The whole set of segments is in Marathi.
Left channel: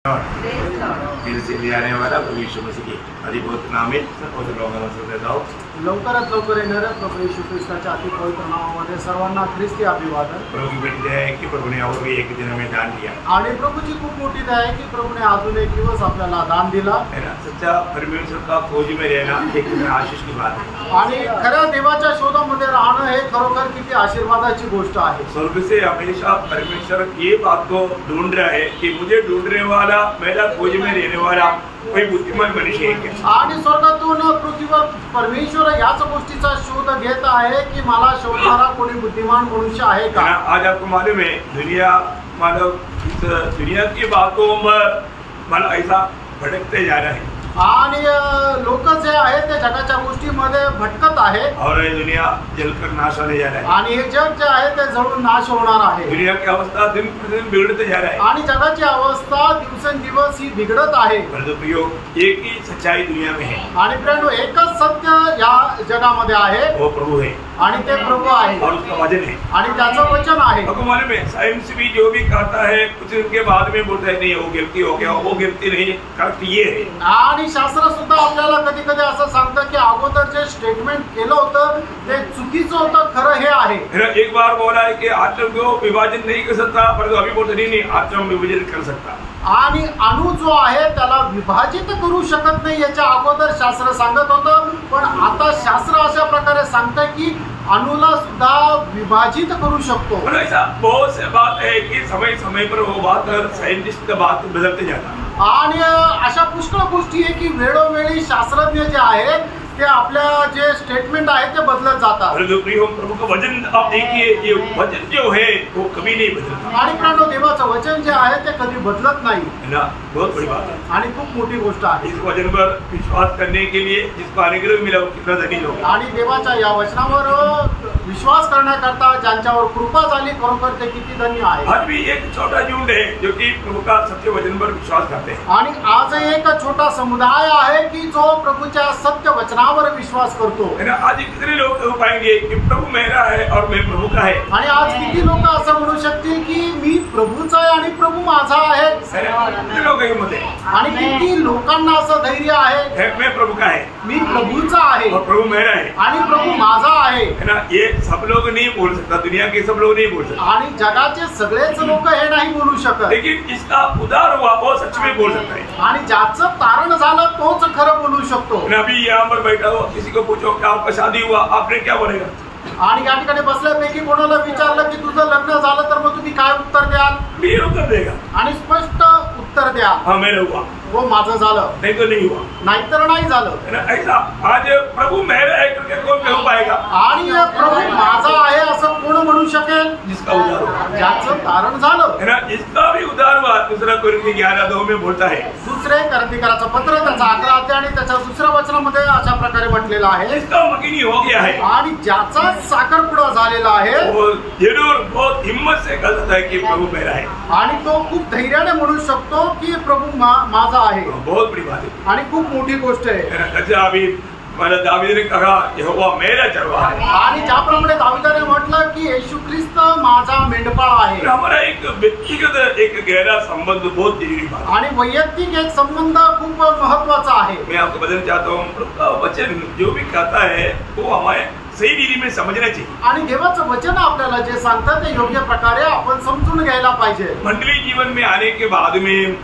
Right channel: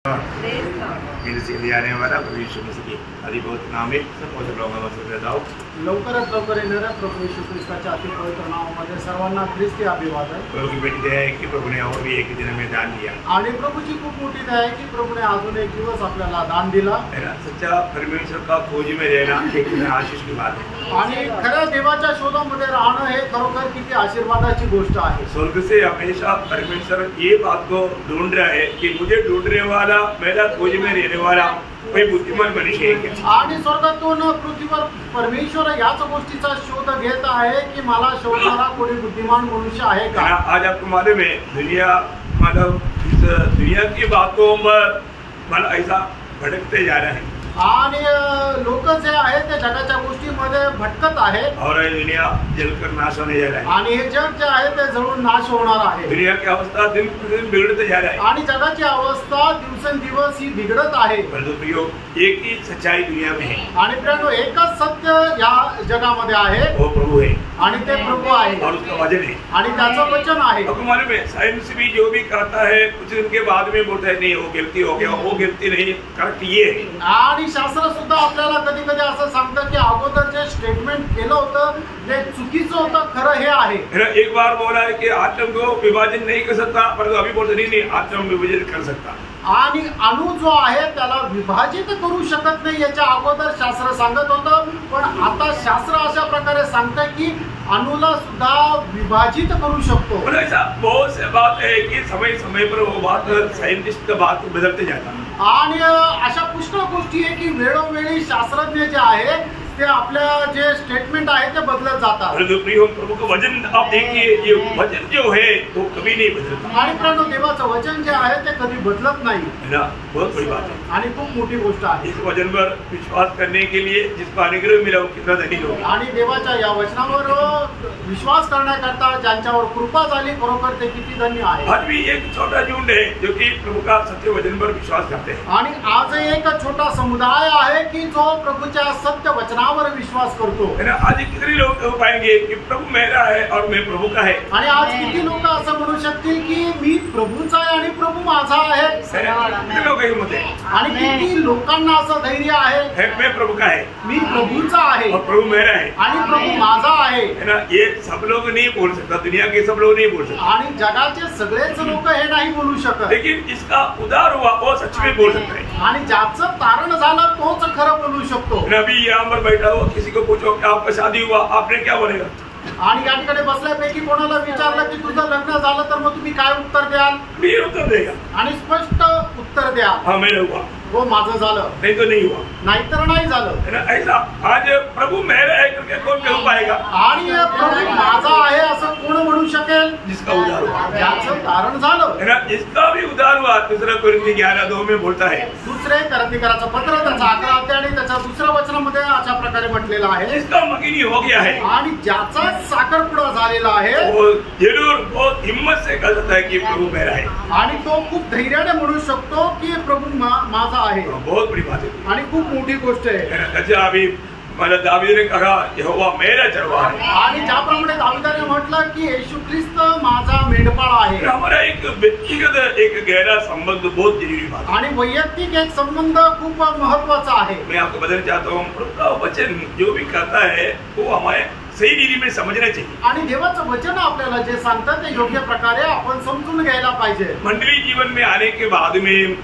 आने वाला भविष्य में से अधिभूत नामित लवकरात लवकर येणाऱ्या प्रभू येशू ख्रिस्ताच्या अति पवित्र नावामध्ये सर्वांना ख्रिस्ती अभिवादन। प्रभु की बड़ी दया है कि प्रभु ने और भी एक दिन में दान दिया आणि प्रभूची खूप मोठी दया आहे की प्रभूने अजून एक दिवस आपल्याला दान दिला है ना। सच्चा परमेश्वर का खोज में रहना एक आशीष की बात है आणि खऱ्या देवाच्या शोधामध्ये राहणं हे खरोखर किती आशीर्वादाची गोष्ट आहे। स्वर्ग से हमेशा परमेश्वर ये बात को ढूंढ रहा है कि मुझे ढूंढने वाला, मेरा खोज में रहने वाला कोई बुद्धिमान मनुष्य है क्या। आणि स्वर्गातून पृथ्वीवर परमेश्वर याच गोष्टीचा शोध घेत आहे की मला शोधणारा कोणी बुद्धिमान मनुष्य आहे का। आज आपको मालूम है दुनिया मानव इस दुनिया की बातों पर मानव ऐसा भटकते जा रहा है आणि लोक जे आहेत ते जगाच्या गोष्टीमध्ये भटकत आहे और ये दुनिया जलकर नाश होने जा रहा है आणि हे जग जे आहे ते जळून नाश होणार आहे। दुनिया की अवस्था दिन प्रतिदिन बिगड़ते जा रहा है आणि जगाची अवस्था दिवसेंदिवस ही बिघडत आहे। परंतु प्रियो एक ही सच्चाई दुनिया में है आणि प्रियो एकच सत्य या जगामध्ये आहे, वो प्रभु है आणि ते प्रभू आहे और उसका वचन है आणि त्याचं वचन आहे। आपको मालूम है साइंस भी जो भी कहता है कुछ दिन के बाद में बोलता है नहीं वो गिरती हो गया, वो गिरती नहीं, करेक्ट ये है। आणि शास्त्र सुद्धा आपल्याला कधी कधी असं सांगतं की अगोदर जे स्टेटमेंट केलं होतं ते चुकीचं होतं, खरं हे आहे। एक बार बोला है कि आत्म को विभाजन नहीं कर सकता, परंतु अभी बोलते नहीं आत्म विभाजन कर सकता। आणि अणु जो आहे त्याला विभाजित करू शकत नाही याच्या अगोदर शास्त्र सांगत होतं, पण आता शास्त्र अशा प्रकारे सांगतं की अणुला सुद्धा विभाजित करू शकतो। ऐसा बहुत से बात है कि समय समय पर वो बात साइंटिस्ट का बात बदलते जाता है आणि अशा पुष्कळ गोष्टी आहे की वेळोवेळी शास्त्रज्ञ जे आहे ते आपल्या जे स्टेटमेंट आहे ते बदलत जातात। प्रभु का वचन आप देखिए, ये वचन जो है वो कभी नहीं बदलता आणि प्रणव देवाचं वचन जे आहे ते कधी बदलत नाही है ना। बहुत बड़ी बात है आणि खूप मोठी गोष्ट आहे। इस वचन पर विश्वास करने के लिए जिसको अनुग्रह मिला वो कितना धनी लोग आणि देवाच्या या वचनावर विश्वास करण्याकरता ज्यांच्यावर कृपा झाली खरोखर ते किती धन्य आहे। आज भी एक छोटा झुंड है जो कि प्रभु का सत्य वचन पर विश्वास करते हैं आणि आज एक छोटा समुदाय आहे की जो प्रभूच्या सत्य वचनावर विश्वास करतो है ना। आज कितने लोग पाएंगे कि प्रभु मेरा है और मैं प्रभु का है। आणि आज किती लोक असं म्हणू शकतील की मी प्रभूचा आहे आणि प्रभू माझा आहे। कितने लोग हिम्मत है आणि किती लोकांना असं धैर्य आहे मैं प्रभु का है, मी प्रभूचा आहे और प्रभु मेरा है आणि प्रभू माझा आहे है ना। ये सब लोग नहीं बोल सकता, दुनिया के सब लोग नहीं बोल सकते आणि जगाचे सगळेच लोक हे नाही बोलू शकत, लेकिन इसका उद्धार हुआ वो सच में बोल सकता है आणि ज्याचं तारण झालं तोच खरं बोलू शकतो। अभी यहाँ पर बैठा हो किसी को पूछो कि आपका शादी हुआ, आपने क्या बोलेगा। आणि या ठिकाणी बसल्यापैकी कोणाला विचारलं की तुझं लग्न झालं तर मग तुम्ही काय उत्तर द्याल। मी उत्तर देगा आणि स्पष्ट उत्तर द्या, हाँ मेरा हुआ, वो माझं झालं, नहीं तो नहीं हुआ, नाहीतर नाही झालं है ना। ऐसा आज प्रभु मेरा है करके कौन कह पाएगा। आणि प्रभू माझा आहे असं कोण म्हणू शकेल जिसका उद्धार हुआ, ज्याचं तारण झालं है ना। जिसका भी उद्धार हुआ दूसरा कोरिन्थी 11:2 में बोलता है। दुसरे करंथीकराचं पत्र त्याचा 11 अध्याय आणि त्याच्या दुसऱ्या वचनामध्ये अशा प्रकारे म्हटलेलं आहे जिसका मकिनी हो गया है आणि ज्याचा साखरपुडा झालेला आहे वो जरूर बहुत हिम्मत से कह सकता है कि प्रभु मेरा है आणि तो खूप धैर्याने म्हणू शकतो की प्रभू माझा आहे। बहुत बड़ी बात है आणि खूप मोठी गोष्ट आहे। अच्छा अभी मतलब दावीद ने कहा यहोवा मेरा चरवाहा है, आणि ज्याप्रमाणे दावीदाने म्हटलं की येशू ख्रिस्त माझा मेंढपाळ आहे। हमारा एक व्यक्तिगत एक गहरा संबंध बहुत जरूरी बात है आणि वैयक्तिक एक संबंध खूप महत्वाचा आहे। मैं आपको बताना चाहता हूँ प्रभु का वचन जो भी कहता है वो हमारे सही रीति में समझना चाहिए। आणि देवाचं वचन आपल्याला जे सांगतं ते योग्य प्रकारे आपण समजून घ्यायला पाहिजे। मंडली जीवन में आने के बाद में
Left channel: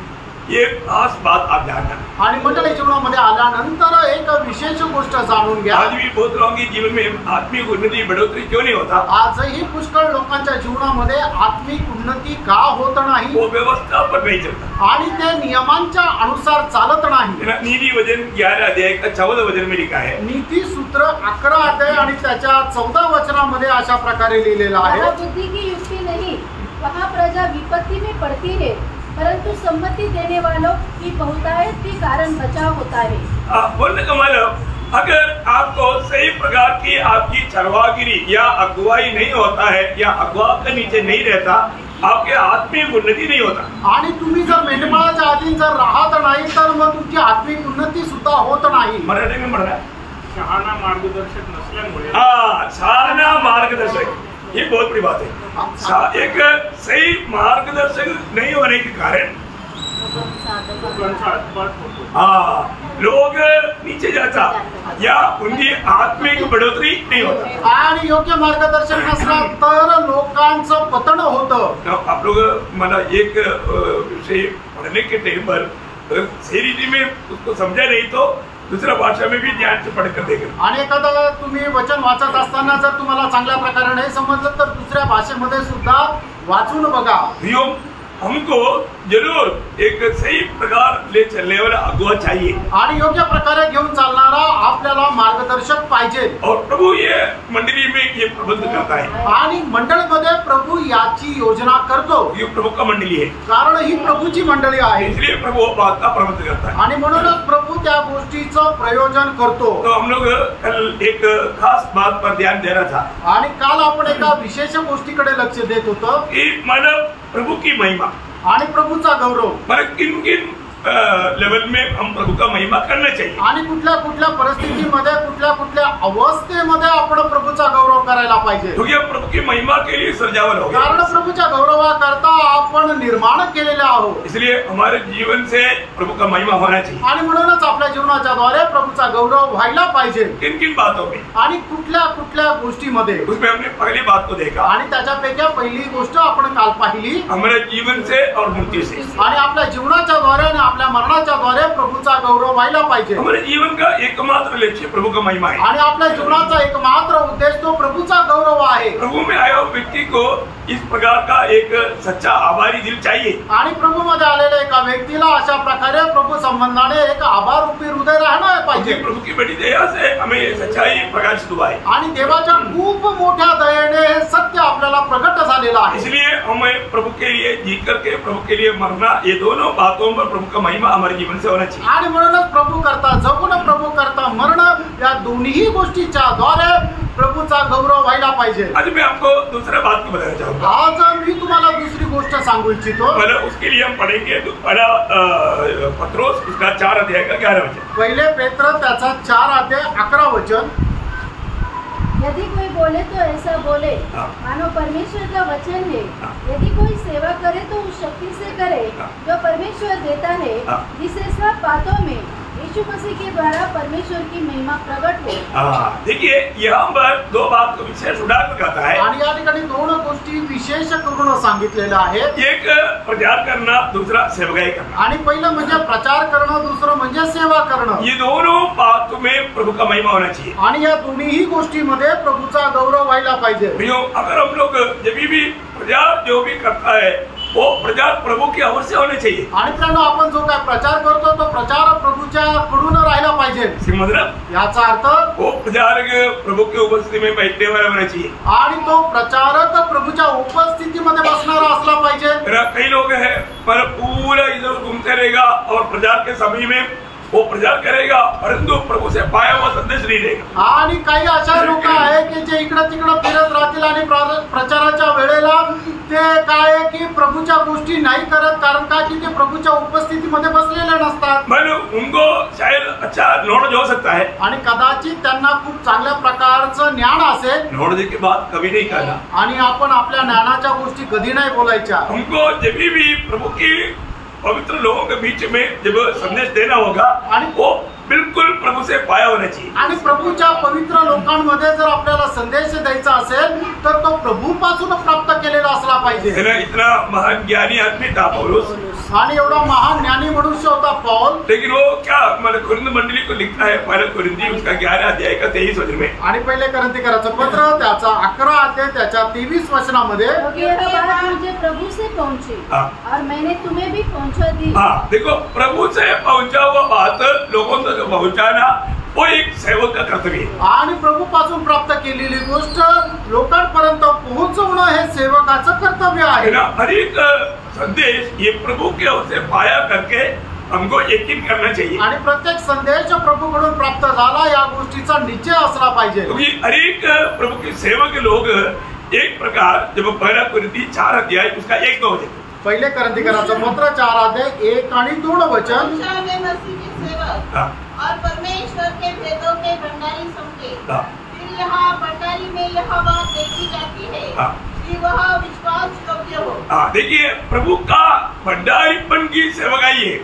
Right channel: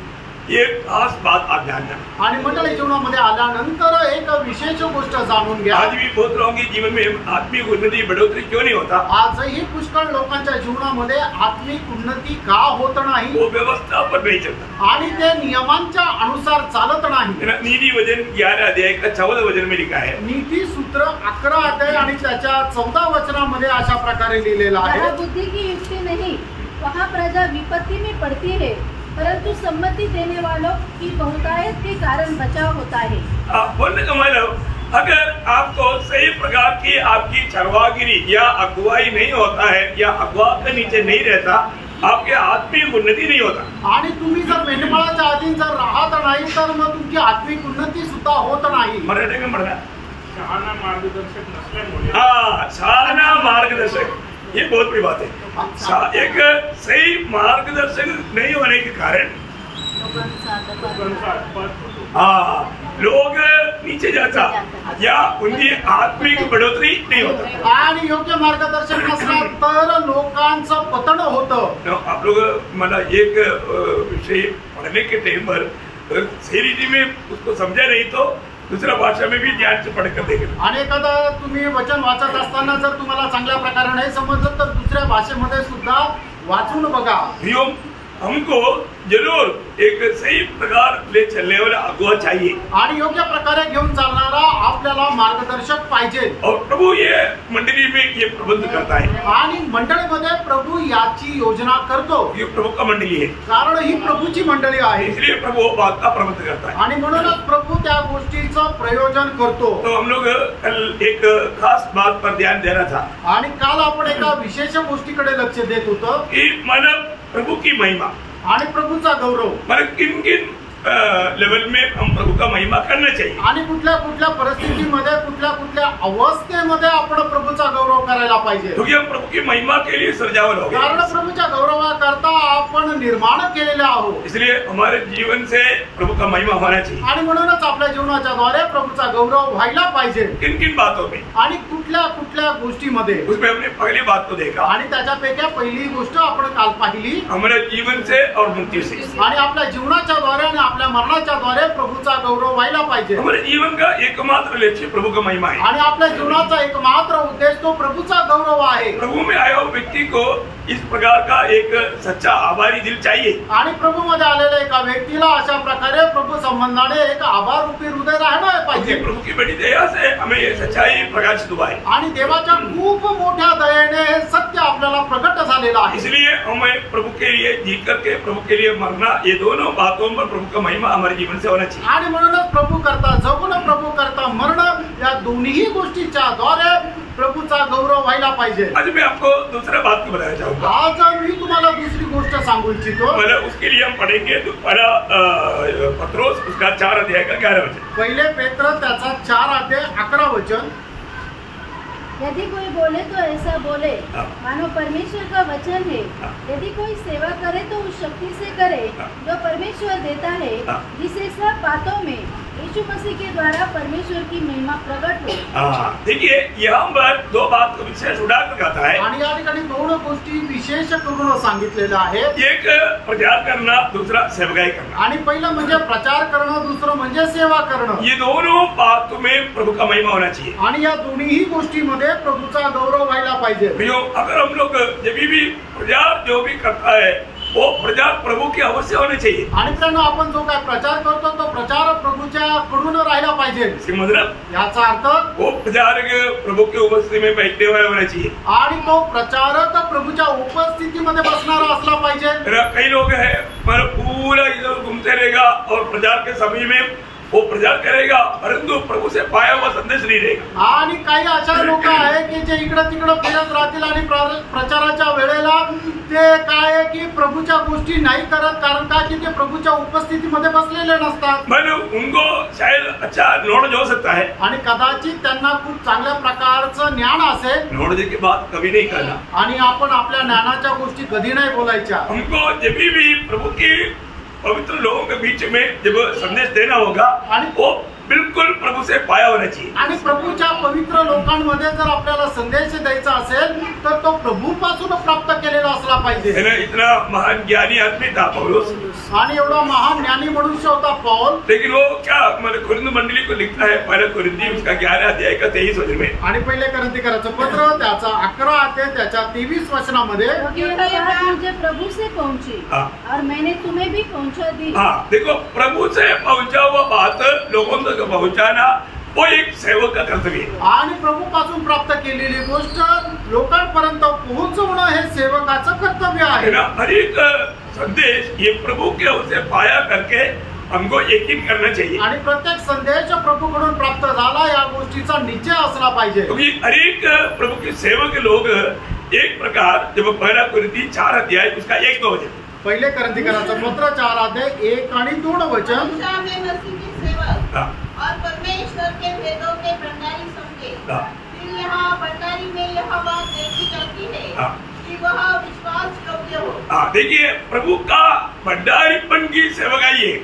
एक खास बात आप जानना, आणि मंडळी जीवनामध्ये आल्यानंतर एक विशेष गोष्ट जाणून घ्या। आज भी बहुत लोगों के जीवन में आत्मिक उन्नति बढ़ोतरी क्यों नहीं होता। आजही पुष्कळ लोकांच्या जीवनामध्ये आत्मिक उन्नती का होत नाही, वो व्यवस्था पर नहीं चलता आणि ते नियमांच्या अनुसार चालत नाही। नीति वचन 11 अध्याय का 14 वचन में लिखा है। नीती सूत्र 11 अध्याय आणि त्याच्या 14 वचनामध्ये अशा प्रकारे लिहिलेलं आहे। बुद्धि की युक्ति नहीं, वहाँ प्रजा विपत्ति में पड़ती है, परंतु सम्मति देने वालों की बहुतायत के कारण बचाव होता है। बोलने का मतलब अगर आपको सही प्रकार की आपकी चरवागिरी या अगुवाई नहीं होता है या अगुवा के नीचे नहीं रहता, आपके आत्मिक उन्नति नहीं होता। आणि तुम्ही जर मेंढपाळाच्या अधीन जर राहत नाही तर मग तुमची आत्मिक उन्नती सुद्धा होत नाही। मराठी में म्हणा शहाणा मार्गदर्शक नसल्यामुळे, शहाणा मार्गदर्शक, ये बहुत बड़ी बात है। एक सही मार्गदर्शक नहीं होने के कारण हाँ, लोग नीचे जाता या उनकी आत्मिक बढ़ोतरी नहीं होता। आणि योग्य मार्गदर्शन नसलं तर लोकांचं पतन होतं। आप लोग मला एक विषय पढ़ने के टाइम पर सही रीति में उसको समझा नहीं तो दुसऱ्या भाषा में भी ध्यान से पढ़कर देखें। आणि एखादा तुम्ही वचन वाचत असताना जर तुम्हाला चांगल्या प्रकारे नाही समजलं तर दुसऱ्या भाषेमध्ये सुद्धा वाचून बघा। हमको जरूर एक सही प्रकार ले चलने वाला अगुवा चाहिए आणि योग्य प्रकारे घेऊन चालणारा आपल्याला मार्गदर्शक पाहिजे। और प्रभु ये मंडली में ये प्रबंध करता है आणि मंडळीमध्ये प्रभु याची योजना करतो। ये प्रभु का मंडली है, कारण ही प्रभूची मंडळी आहे, इसलिए प्रभु बात का प्रबंध करता है आणि म्हणूनच प्रभू त्या गोष्टीचं प्रयोजन करतो। तो हम लोग कल एक खास बात पर ध्यान दे रहा था आणि काल आपण एका विशेष गोष्टीकडे लक्ष देत होतो कि मानव प्रभु की महिमा आणि प्रभूचा गौरव, मतलब किन किन लेवल में हम प्रभु का महिमा करना चाहिए आणि कुठल्या कुठल्या परिस्थितीमध्ये कुठल्या कुठल्या अवस्थेमध्ये आपण प्रभूचा गौरव करायला पाहिजे। क्योंकि हम प्रभु की महिमा के लिए सृजावल हो कारण गए, प्रभूच्या गौरवाकरता आपण निर्माण केलेले आहोत, इसलिए हमारे जीवन से प्रभु का महिमा होना चाहिए। आणि म्हणूनच आपल्या जीवनाच्या द्वारे प्रभूचा गौरव व्हायला पाहिजे। किन किन बातों में, आणि कुठल्या कुठल्या गोष्टीमध्ये, उसमें हमने पहली बात को देखा, आणि त्याच्यापैकी पहिली गोष्ट आपण काल पाहिली, हमारे जीवन से और मृत्यू से, आणि आपल्या जीवनाच्या द्वारे आणि आपल्या मरणाच्या द्वारे प्रभूचा गौरव व्हायला पाहिजे। हमारे जीवन का एकमात्र लक्ष्य प्रभु का महिमा है। आणि आपल्या जीवनाचा एकमात्र उद्देश तो प्रभूचा गौरव आहे। प्रभु में आया हुआ व्यक्ति को इस प्रकार का एक सच्चा आभारी दिल चाहिए, आणि प्रभू मध्ये आलेल्या एका व्यक्तीला अशा प्रकारे प्रभू संबंधाने एक आभार रूपी हृदय राहणं पाहिजे। क्योंकि प्रभु की बड़ी दया से हमें ये सच्चाई प्रकाशित हुआ है, आणि देवाच्या खूप मोठ्या दयेने हे सत्य आपल्याला प्रगट झालेलं आहे। इसलिए हमें प्रभु के लिए जी करके प्रभु के लिए मरना, ये दोनों बातों पर प्रभु का महिमा हमारे जीवन से होना चाहिए। आणि म्हणूनच प्रभू करता जगून प्रभू करता मरण या दोन्ही गोष्टीच्या द्वारे प्रभूचा गौरव व्हायला पाहिजे। आज मैं आपको दूसरा बात को बताना चाहूंगा। आज मी तुम्हाला दुसरी गोष्ट सांगू इच्छितो। मतलब उसके लिए हम पढ़ेंगे पहला पत्रोस उसका 4 अध्याय का 11 वचन। पहिले पेत्र त्याचा 4 अध्याय 11 वचन। यदि कोई बोले तो ऐसा बोले हाँ। मानो परमेश्वर का वचन है। हाँ। यदि कोई सेवा करे तो उस शक्ति से करे हाँ। जो परमेश्वर देता है, हाँ। जिससे सब बातों में यीशु मसीह के द्वारा परमेश्वर की महिमा प्रकट हो। देखिए यहाँ पर दो बात को विशेष उड़ाकर कहता है, आणि या ठिकाणी दोन गोष्टी विशेष करून सांगितलेल्या आहेत। एक प्रचार करना, दूसरा सेवकाई करना। आणि पहिलं म्हणजे प्रचार करणं, दुसरं म्हणजे सेवा करणं। ये दोनों बातों में प्रभु का महिमा होना चाहिए। आणि या दोन्ही गोष्टीमध्ये प्रभूचा गौरव व्हायला पाहिजे। प्रियो, अगर हम लोग जब भी प्रचार जो भी करता है वो प्रचार प्रभु की अवश्य होना चाहिए। आणि त्यानं आपण जो काय प्रचार करतो तो प्रचार प्रभूच्या कडून राहिला पाहिजे। मतलब याचा अर्थ वो प्रचारक प्रभु की उपस्थिति में बैठने वाला होना चाहिए, आणि तो प्रचारक प्रभूच्या उपस्थितीमध्ये बसणारा असला पाहिजे। कई लोग हैं पर पूरा इधर घूमते रहेगा और प्रचार के समय में वो प्रचार करेगा परंतु प्रभु से पाया हुआ संदेश नहीं रहेगा। आणि काही अशा लोक आहेत की जे इकडे तिकडे फिरत राहतील आणि प्रचाराच्या वेळेला ते काय की प्रभूच्या गोष्टी नाही करत, कारण काय की ते प्रभूच्या उपस्थितीमध्ये बसलेले नसतात। मतलब उनको शायद अच्छा नॉलेज हो सकता है आणि कदाचित त्यांना खूप चांगल्या प्रकारचं ज्ञान असेल, नॉलेज की बात कभी नहीं करना। आणि आपण आपल्या ज्ञानाच्या गोष्टी कधी नाही बोलायच्या। हमको जब भी प्रभु की पवित्र लोगों के बीच में जब संदेश देना होगा वो बिल्कुल प्रभु से पाया होना चाहिए। आणि प्रभूच्या पवित्र लोकांमध्ये जर आपल्याला संदेश द्यायचा असेल तर तो प्रभूपासून प्राप्त केलेला असला पाहिजे। इतना महान ज्ञानी आदमी था पौलुस, आणि एवढा महान ज्ञानी मनुष्य होता पौल, लेकिन वो क्या मतलब कुरिन्थ मंडली को लिखता है पहला कुरिन्थी उसका 11 अध्याय का 23 वचन में, आणि पहिले कोरिन्थीकराचं पत्र त्याचा 11 अध्याय त्याच्या 23 वचनामध्ये, क्योंकि यह बात मुझे प्रभु से पहुंची और मैंने तुम्हें भी पहुंचा दी। हाँ, देखो प्रभु से पहुंचा हुआ बात लोगों तक पहुंचाना वो एक सेवक का कर्तव्य है। आणि प्रभूपासून प्राप्त केलेली गोष्ट लोकांपर्यंत पोहोचवणं हे सेवकाचं कर्तव्य आहे। हर एक संदेश ये प्रभु के उसे पाया करके हमको यकीन करना चाहिए, आणि प्रत्येक संदेश प्रभूकडून प्राप्त झाला या गोष्टीचा निश्चय असला पाहिजे। क्योंकि हर एक प्रभु के सेवक लोग एक प्रकार जब पहला कुरिन्थी 4 अध्याय उसका 1-2 वचन, पहिले कोरिन्थीकराचं पत्र 4 अध्याय 1 आणि 2 वचन, और परमेश्वर के भेदों के भंडारी समझे। फिर यहाँ भंडारी में यह बात देखी जाती है कि वह विश्वास योग्य हो। देखिए प्रभु का भंडारीपन की सेवकाई है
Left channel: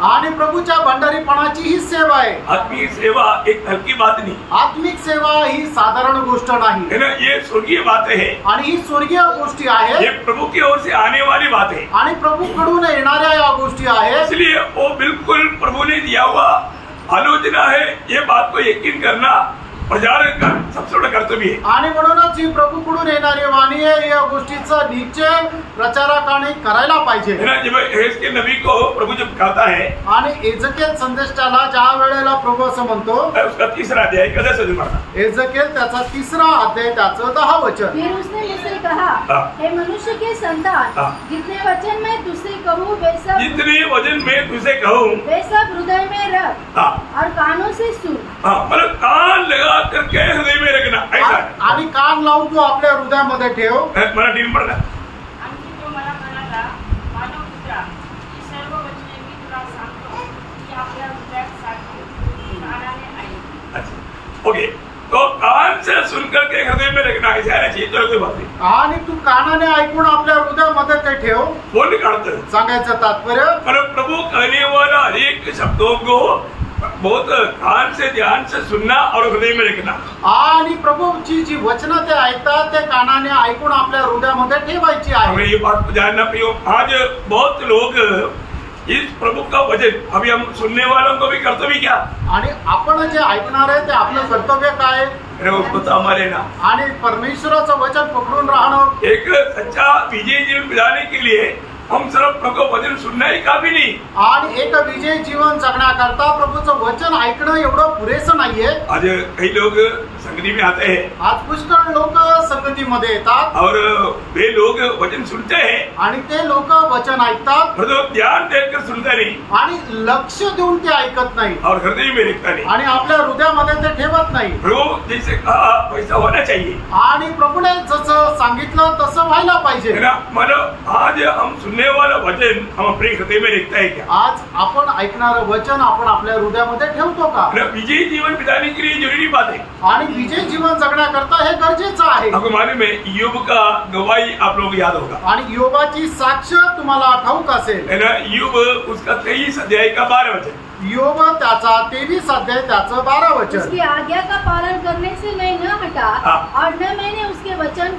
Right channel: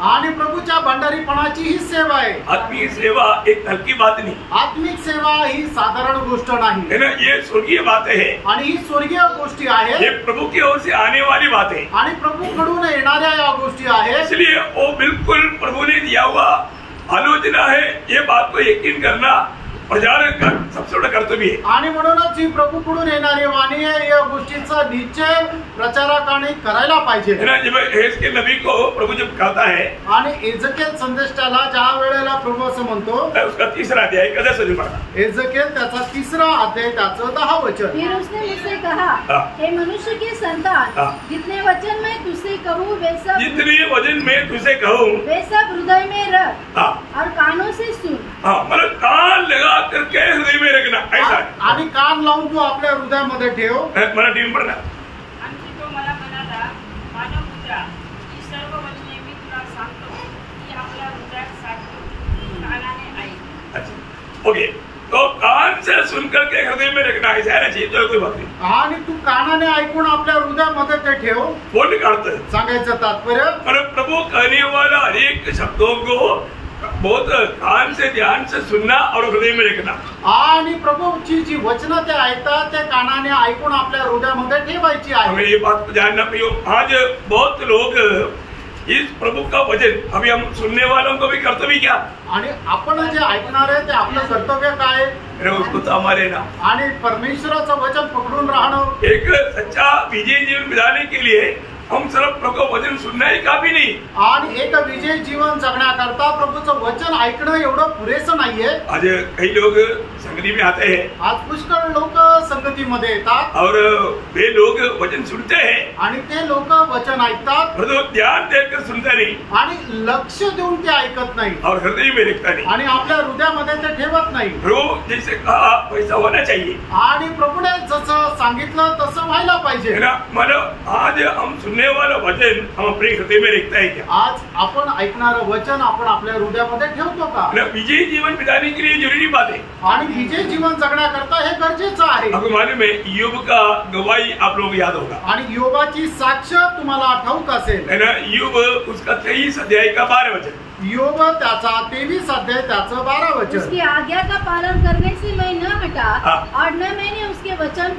आणि प्रभूच्या भंडारीपणाची ही सेवा आहे. आत्मीय सेवा एक हल्की बात नहीं, आत्मिक सेवा ही साधारण गोष्ट नाही है ना, ये स्वर्गीय बात है, आणि ही स्वर्गीय गोष्टी ये आहेत प्रभु की ओर से आने वाली बात है. आणि प्रभूकडून येणाऱ्या या गोष्टी आहेत. इसलिए वो बिल्कुल प्रभु ने दिया हुआ आलोचना है. ये बात को यकीन करना प्रचारक का सबसे बड़ा कर्तव्य है. आणि म्हणूनच ही प्रभूकडून येणारी वाणी आहे, या गोष्टीचा निश्चय प्रचारकाने करायला पाहिजे. है ना, जब एहेजकेल नबी को प्रभु जब कहता है, आणि एजकेल संदेष्टाला ज्या वेळेला प्रभू असं म्हणतो, उसका 3रा अध्याय कदा से पढ़ा, एजकेल त्याचा 3रा अध्याय त्याचं 10 वचन. फिर उसने मुझसे कहा, हाँ। हे मनुष्य के संतान, हाँ। जितने वचन मैं तुझसे कहूँ जितने वचन में तुझे कहूँ वे सब हृदय में रख, हाँ और कानों से सुन. हाँ, मतलब कान लगा करके हृदय में रखना, ऐसा है. आणि कान लावून तू आपल्या हृदयामध्ये ठेव. मराठी में पढ़ना. आणखी तो मला म्हणाला, मानव पुत्रा, ही सर्व वचने मी तुला सांगतो की आपल्या हृदयात साठवून कानाने ऐक. अच्छा, ओके, तो कान से सुन करके हृदय में रखना, ऐसा है ना, चाहिए तो कोई बात नहीं. आणि तू कानाने ऐकून आपल्या हृदयामध्ये ते ठेव. बोलने का अर्थ है, सांगायचं तात्पर्य, मतलब प्रभु कहने वाला अनेक शब्दों को बहुत कान से ध्यान से सुनना और हृदय में रखना. आणि प्रभूची जी वचनं ते ऐकतात ते कानाने ऐकून आपल्या हृदयामध्ये ठेवायची हमें आहे. ये बात जानना चाहिए. आज बहुत लोग इस प्रभु का वचन, अभी हम सुनने वालों को भी कर्तव्य क्या, आणि आपण जे ऐकणार आहे ते आपलं कर्तव्य काय, अरे उसको सामने लेना. आणि परमेश्वराचं वचन पकडून राहणं. एक सच्चा विजय जीवन बिताने के लिए हम सिर्फ प्रभु का वचन सुनना ही काफी नहीं. आणि एक विजय जीवन जगण्याकरता प्रभूचं वचन ऐकणं एवढं पुरेसं नाहीये. आज कई लोग संगति में आते हैं आज पुष्कळ लोक संगतीमध्ये येतात और वे लोग वचन सुनते हैं, आणि ते लोक वचन ऐकतात परंतु ध्यान देकर सुनता नहीं आणि लक्ष देऊन ते ऐकत नाही और हृदय में रखता नहीं. आणि आपल्या हृदयामध्ये ते ठेवत नाही. प्रभु जैसे कहा वैसा होना चाहिए, आणि प्रभूने जसं सांगितलं तसं व्हायला है पाहिजे. ना. मतलब आज हम सुनने वाला वचन हम अपने हृदय में रखता है क्या, आज आपण ऐकणारं वचन आपण आपल्या हृदयामध्ये ठेवतो का. है ना. विजयी जीवन बिताने के लिए जरूरी बात है. आणि विजय जीवन जगण्याकरता हे गरजेचं आहे. आपको मालूम है, योग का गवाही आप लोग याद होगा, आणि योबाची साक्ष तुम्हाला ठाऊक असेल. है ना. योग उसका 23 अध्याय का 12 वचन, योग त्याचा 23 अध्याय त्याचं 12 वचन. उसकी आज्ञा का पालन करने से मैं न हटा, हाँ। और न मैंने उसके वचन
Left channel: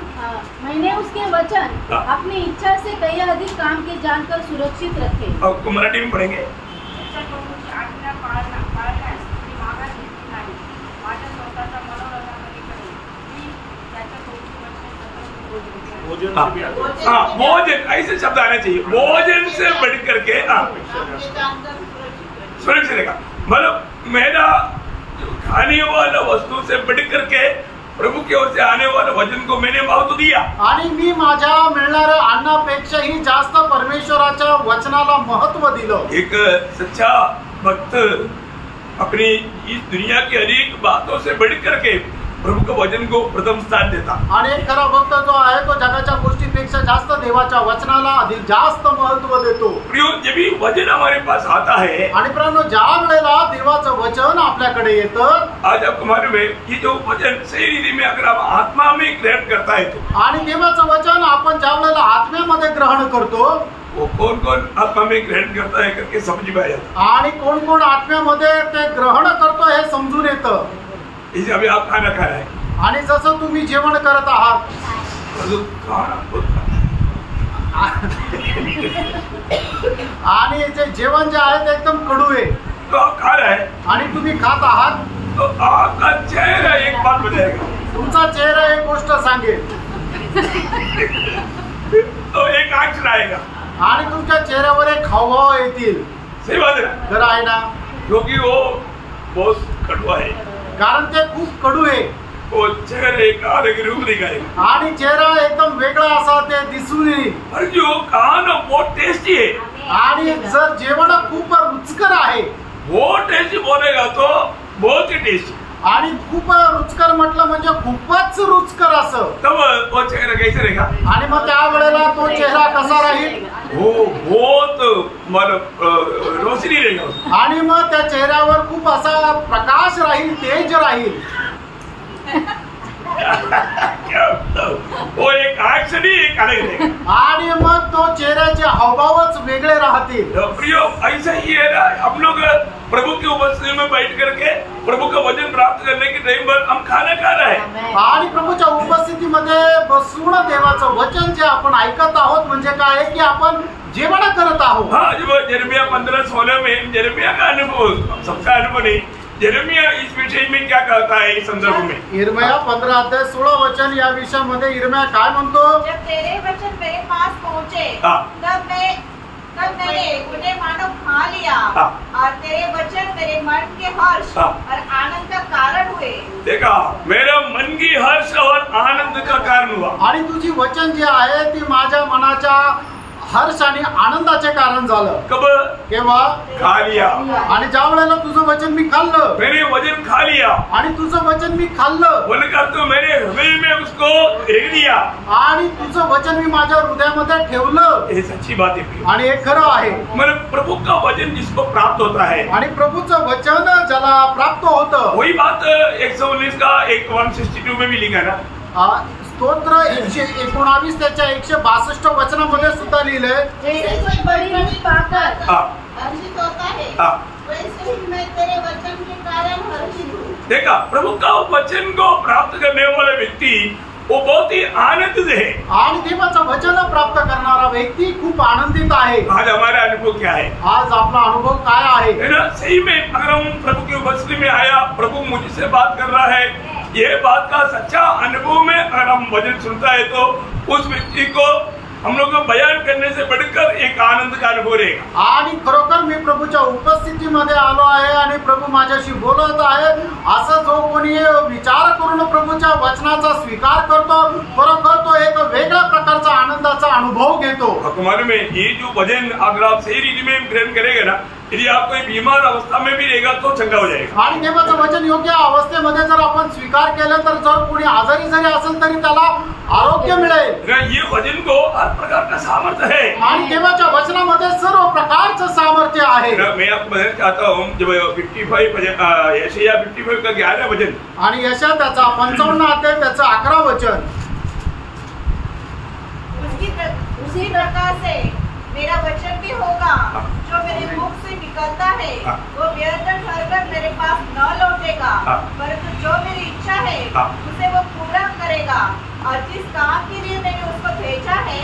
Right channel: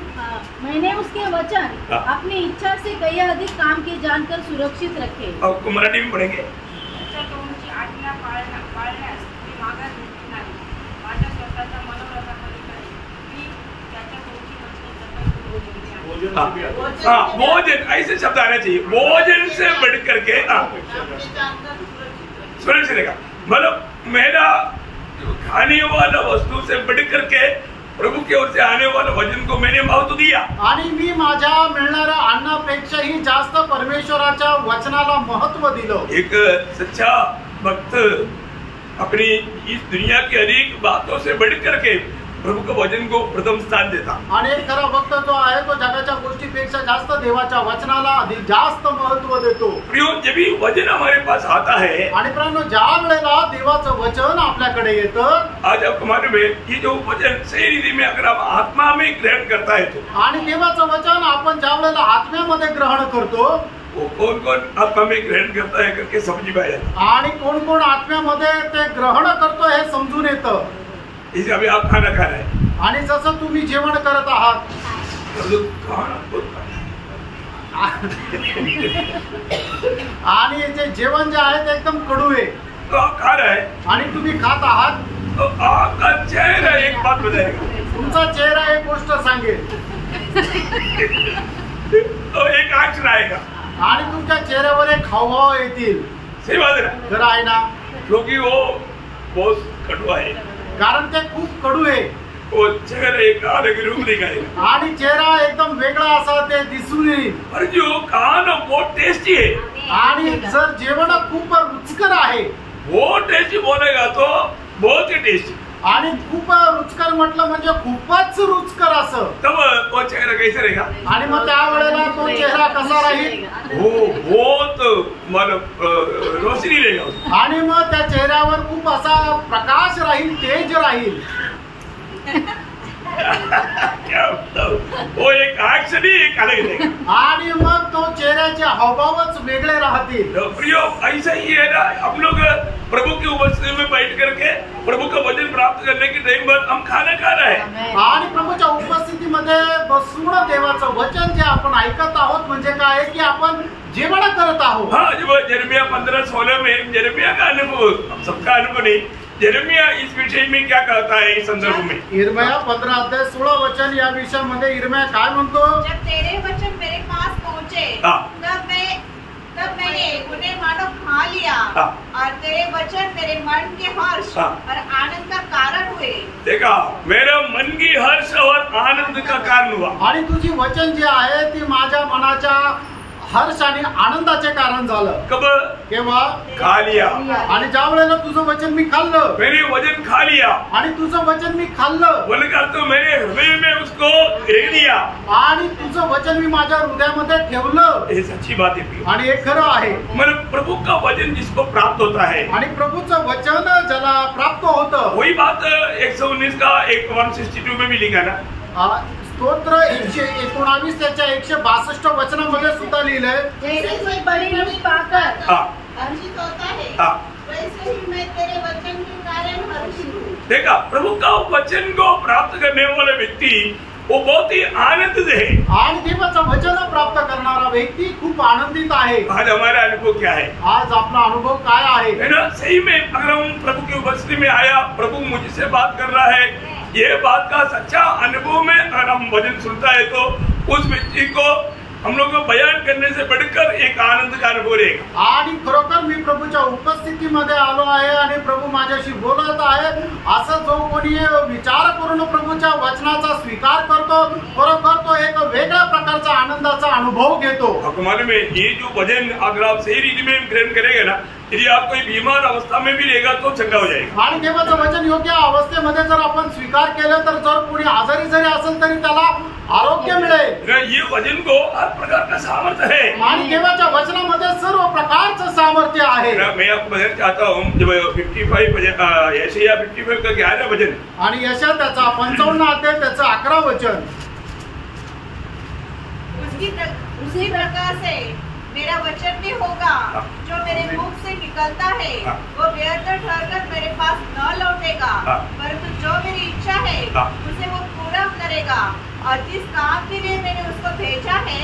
हाँ। अपनी इच्छा से कई अधिक काम के जानकर सुरक्षित रखे. आपको मराठी में पढ़ेंगे. त्याच्या प्रभूची आज्ञा पाळण्यास मी मागास घेतली नाही. माझ्या स्वतःच्या मनोरथापलीकडे मी त्याच्या गोष्टी लक्ष हाँ, भोजन, ऐसे शब्द आना चाहिए. भोजन से बढ़ करके आपने जानकर सुरक्षित सुरक्षित रहेगा. मतलब मेरा खाने वाला वस्तु से बढ़ करके प्रभु की ओर से आने वाला वचन को मैंने महत्व दिया. आणि मी माझ्या मिळणाऱ्या अन्नापेक्षाही जास्त परमेश्वराच्या वचनाला महत्व दिलं. एक सच्चा भक्त अपनी इस दुनिया की अनेक बातों से बढ़ करके प्रभु के वचन को प्रथम स्थान देता. आणि एक खरा भक्त जो आहे तो जगाच्या गोष्टीपेक्षा जास्त देवाच्या वचनाला अधिक जास्त महत्व देतो. प्रियो, जब भी वचन हमारे पास आता है, आणि प्रियांनो, ज्या वेळेला देवाचं वचन आपल्याकडे येतं, आज आपको मालूम है कि जो वचन सही रीति में अगर आप आत्मा में ग्रहण करता है तो आणि देवाचं वचन आपण ज्या वेळेला आत्म्यामध्ये ग्रहण करतो, वो कौन कौन आत्मा में ग्रहण करता है करके समझ में आ जाता. आणि कोण कोण आत्म्यामध्ये ते ग्रहण करतो हे समजून येतं. इसे अभी आप खाना खा रहे हैं, आणि जसं तुम्ही जेवण करत आहात, परंतु खाना बहुत खाना आणि ते जेवण जे आहे ते एकदम कडू आहे, तो आप खा रहे हैं, आणि तुम्ही खात आहात, तो आपका चेहरा एक बात बताएगा, तुमचा चेहरा एक गोष्ट सांगेल, तो एक एक्शन आएगा. आणि तुमच्या चेहऱ्यावर एक हावभाव येतील. सही बात है ना, खरं आहे ना, क्योंकि वो बहुत कड़वा है. कारण ते खूप कडू आहे. वो चेहरे का अलग रूप दिखाएगा. आणि चेहरा एकदम वेगळा असा ते दिसून येईल. और जो खाना बहुत टेस्टी है, आणि जर जेवण खूप रुचकर आहे, वो टेस्टी बोलेगा तो बहुत ही टेस्टी. आणि खूप रुचकर म्हटलं म्हणजे खूपच रुचकर असं, तब वो चेहरा कैसे रहेगा. आणि मग त्यावेळेला तो चेहरा कसा राहील, वो बहुत मतलब रोशनी रहेगा उसमें. आणि मग त्या चेहऱ्यावर खूप असा प्रकाश राहील, तेज राहील. क्या बताऊं, वो एक आग से भी एक अलग रहेगा। आणि मग तो चेहऱ्याचे हावभावच वेगळे राहतील। तो प्रियो, ऐसा ही है ना, हम लोग प्रभु की उपस्थिति में बैठ करके प्रभु का वचन प्राप्त करने के टाइम पर हम खाना खा रहे हैं आणि प्रभूच्या उपस्थितीमध्ये बसून देवाचं वचन जे आपण ऐकत आहोत म्हणजे काय की आपण जेवण करत आहोत। हाँ, जब यिर्मयाह 15:16 में यिर्मयाह का अनुभव, सबका अनुभव नहीं, यिर्मयाह इस विषय में क्या कहता है इस संदर्भ में? यिर्मयाह 15:16 या विषयामध्ये यिर्मयाह काय म्हणतो? जब तेरे वचन मेरे पास पहुँचे तब मैंने उन्हें मानो खा लिया और तेरे वचन मेरे मन के हर्ष और आनंद का कारण हुए। देखा, मेरा मन की हर्ष और आनंद का कारण हुआ। आणि तुझी वचन जे आहे ती माझ्या मनाच्या हर्ष आणि आनंदाचे कारण झालं। कब? केव्हा? खा लिया। आणि ज्या वेळेला तुझं वचन मी खाल्लं, मैंने वचन खा लिया आणि तुझं वचन मी खाल्लं, बोलकर तो मेरे हृदय में उसको रख दिया, आणि तुझं वचन मी माझ्या हृदयामध्ये ठेवलं। ये सच्ची बात है। आणि हे खरं आहे। मतलब प्रभु का वचन जिसको प्राप्त होता है, आणि प्रभूचं वचन ज्याला प्राप्त होतं, वही बात 119 का 162 में भी लिखा ना। स्तोत्र 119 त्याच्या 162 वचनामध्ये सुद्धा लिहिलंय, जैसे बड़ी पाकर हर्षित होता है वैसे ही मैं तेरे वचन के कारण हर्षित हूँ। देखा, प्रभु का वचन को प्राप्त करने वाला व्यक्ति वो बहुत ही आनंदित है। आणि देवाचं वचन प्राप्त करणारा व्यक्ती खूप आनंदित आहे। आज हमारा अनुभव क्या है? आज आपला अनुभव काय आहे? है ना, सही में अगर हम प्रभु की उपस्थिति में आया, प्रभु मुझसे बात कर रहा है, ये बात का सच्चा अनुभव में अगर हम वचन सुनता है तो उस व्यक्ति को हम लोग बयान करने से बढ़कर एक आनंद का अनुभव रहेगा। आणि खरोखर मी प्रभूच्या उपस्थितीमध्ये आलो आहे आणि प्रभू माझ्याशी बोलत आहे असं जो कोणी विचार करून प्रभूच्या वचनाचा स्वीकार करतो, खरोखर तो एक वेगळ्या प्रकारचा आनंदाचा अनुभव घेतो। हमारे में ये जो वचन अगर आप सही रीति में ग्रहण करेंगे ना, यदि आप कोई बीमार अवस्था में भी रहेगा तो चंगा हो जाएगा। आणि देवाचं वचन योग्य अवस्थेमध्ये जर आपण स्वीकार केलं तर जर कोणी आजारी जरी असेल तरी त्याला आरोग्य मिळेल। ये वचन को हर प्रकार का सामर्थ्य है आणि देवाच्या वचनामध्ये सर्व प्रकारचं सामर्थ्य आहे। मैं आपको बताना चाहता हूँ, जब 55 यशायाह 55 का 11 वचन आणि यशा त्याचा 55 अध्याय त्याचं 11 वचन, उसी प्रकार से मेरा वचन भी होगा जो मेरे मुख से निकलता है वो व्यर्थ ठहरकर मेरे पास न लौटेगा, परंतु जो मेरी इच्छा है उसे वो पूरा करेगा और जिस काम के लिए मैंने उसको भेजा है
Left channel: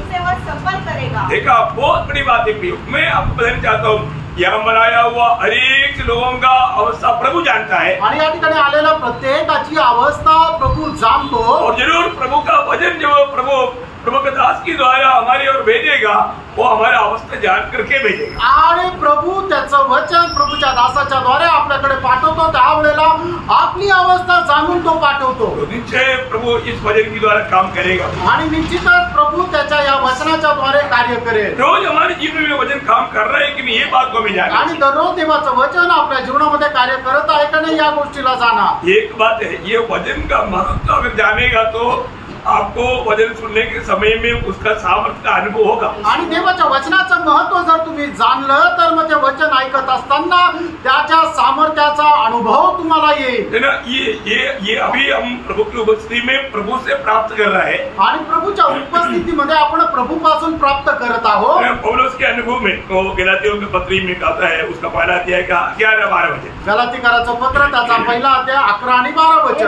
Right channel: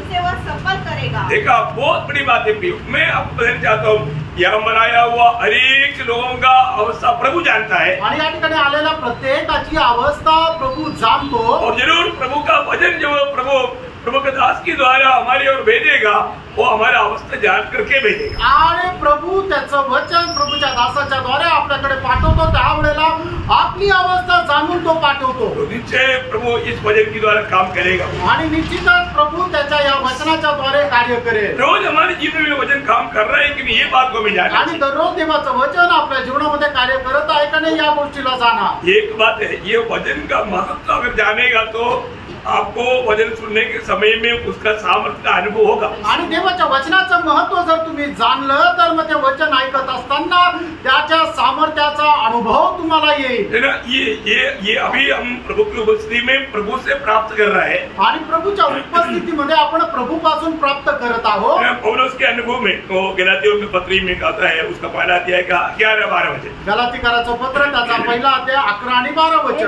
उसे वह सफल करेगा। देखा, बहुत बड़ी बात है प्रियो। मैं आपको बताना चाहता हूँ, यहाँ बनाया हुआ हर एक लोगों का अवस्था प्रभु जानता है आणि या ठिकाणी आलेल्या प्रत्येकाची अवस्था प्रभू जाणतो। और जरूर प्रभु का वचन जो प्रभु के दास के द्वारा हमारी ओर भेजेगा वो हमारा अवस्था जान करके भेजेगा। आणि प्रभू त्याचं वचन प्रभूच्या दासाच्या द्वारे आपल्याकडे पाठवतो, त्यावेळेला आपली अवस्था जाणून तो पाठवतो। तो निश्चय प्रभु इस वचन के द्वारा काम करेगा आणि निश्चितच प्रभू त्याच्या या वचनाच्या द्वारे कार्य करेल। रोज हमारे जीवन में वचन काम कर रहा है कि नहीं, ये बात को हमें जानना आणि दररोज देवाचं वचन आपल्या जीवनामध्ये कार्य करत आहे का नाही या गोष्टीला जाणा। एक बात है, ये वचन का महत्व अगर जानेगा तो आपको वचन सुनने के समय में उसका सामर्थ्य का अनुभव होगा। आणि देवाच्या वचनाचं महत्व जर तुम्ही जाणलं तर मग ते वचन ऐकत असताना त्याच्या सामर्थ्याचा अनुभव तुम्हाला येईल। है ना, ये अभी हम प्रभु की उपस्थिति में प्रभु से प्राप्त कर रहे हैं आणि प्रभूच्या उपस्थितीमध्ये आपण प्रभूपासून प्राप्त करत आहोत। पौलुस के अनुभव में तो गलातियों के पत्री में कहता है, उसका पहला अध्याय का 11-12 वचन, गलातीकराचं पत्र त्याचा पहिला अध्याय 11 आणि 12 वचन।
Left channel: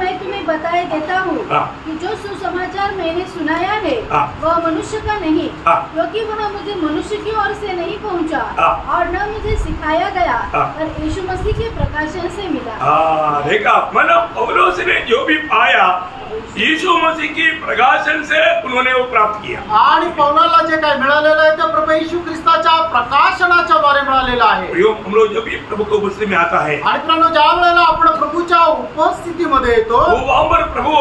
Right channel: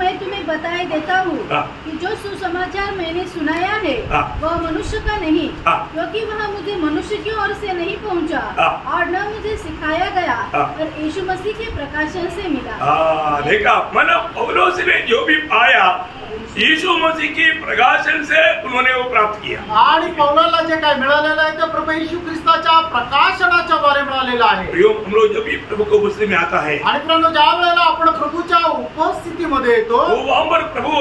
मैं तुम्हें बताए देता हूँ कि जो सुसमाचार मैंने सुनाया है वह मनुष्य का नहीं, क्योंकि वह मुझे मनुष्य की ओर से नहीं पहुँचा और न मुझे सिखाया गया, पर यीशु मसीह के प्रकाशन से मिला। देखा, मतलब पौलुस ने जो भी पाया यीशु मसीह की प्रकाशन से उन्होंने वो प्राप्त किया। आणि पौलाला जे काय मिळालेलं आहे ते प्रभू येशू ख्रिस्ताच्या प्रकाशनाच्या द्वारे मिळालेलं आहे। हम लोग जब भी प्रभु की उपस्थिति में आता है आणि प्रभू ज्या वेळेला आपण प्रभूच्या उपस्थितीमध्ये येतो वो वहाँ पर प्रभु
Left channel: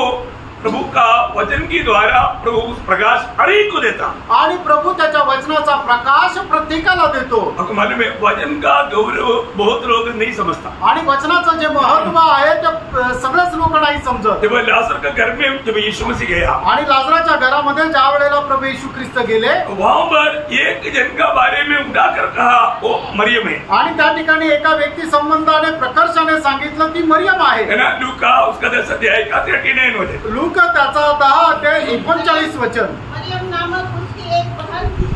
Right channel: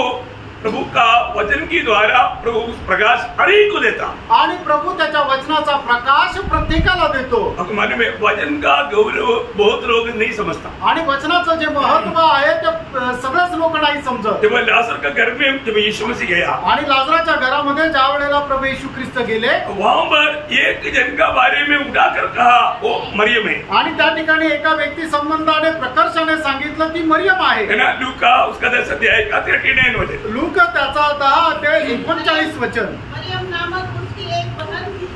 प्रभु का वचन की द्वारा प्रभु उस प्रकाश हर एक को देता। आणि प्रभु त्याच्या वचनाचा प्रकाश प्रत्येकाला देतो। आपको मालूम है वचन का गौरव बहुत लोग नहीं समझता। आणि वचनाचं जे महत्व आहे ते सगळेच लोक नाही समजत। जब लाजर का घर में जब यीशु मसीह गया आणि लाजराच्या घरामध्ये ज्या वेळेला प्रभू येशू ख्रिस्त गेले वहां पर एक जन का बारे में उठाकर कहा वो मरियम है। आणि त्या ठिकाणी एका व्यक्ती संबंधाने प्रकर्षाने सांगितलं ती मरियम आहे ना। लूका उसका 10 अध्याय का 39 वचन, लूका त्याचा 10 अध्याय 39 वचन। मरियम नामक उसकी एक बहन थी,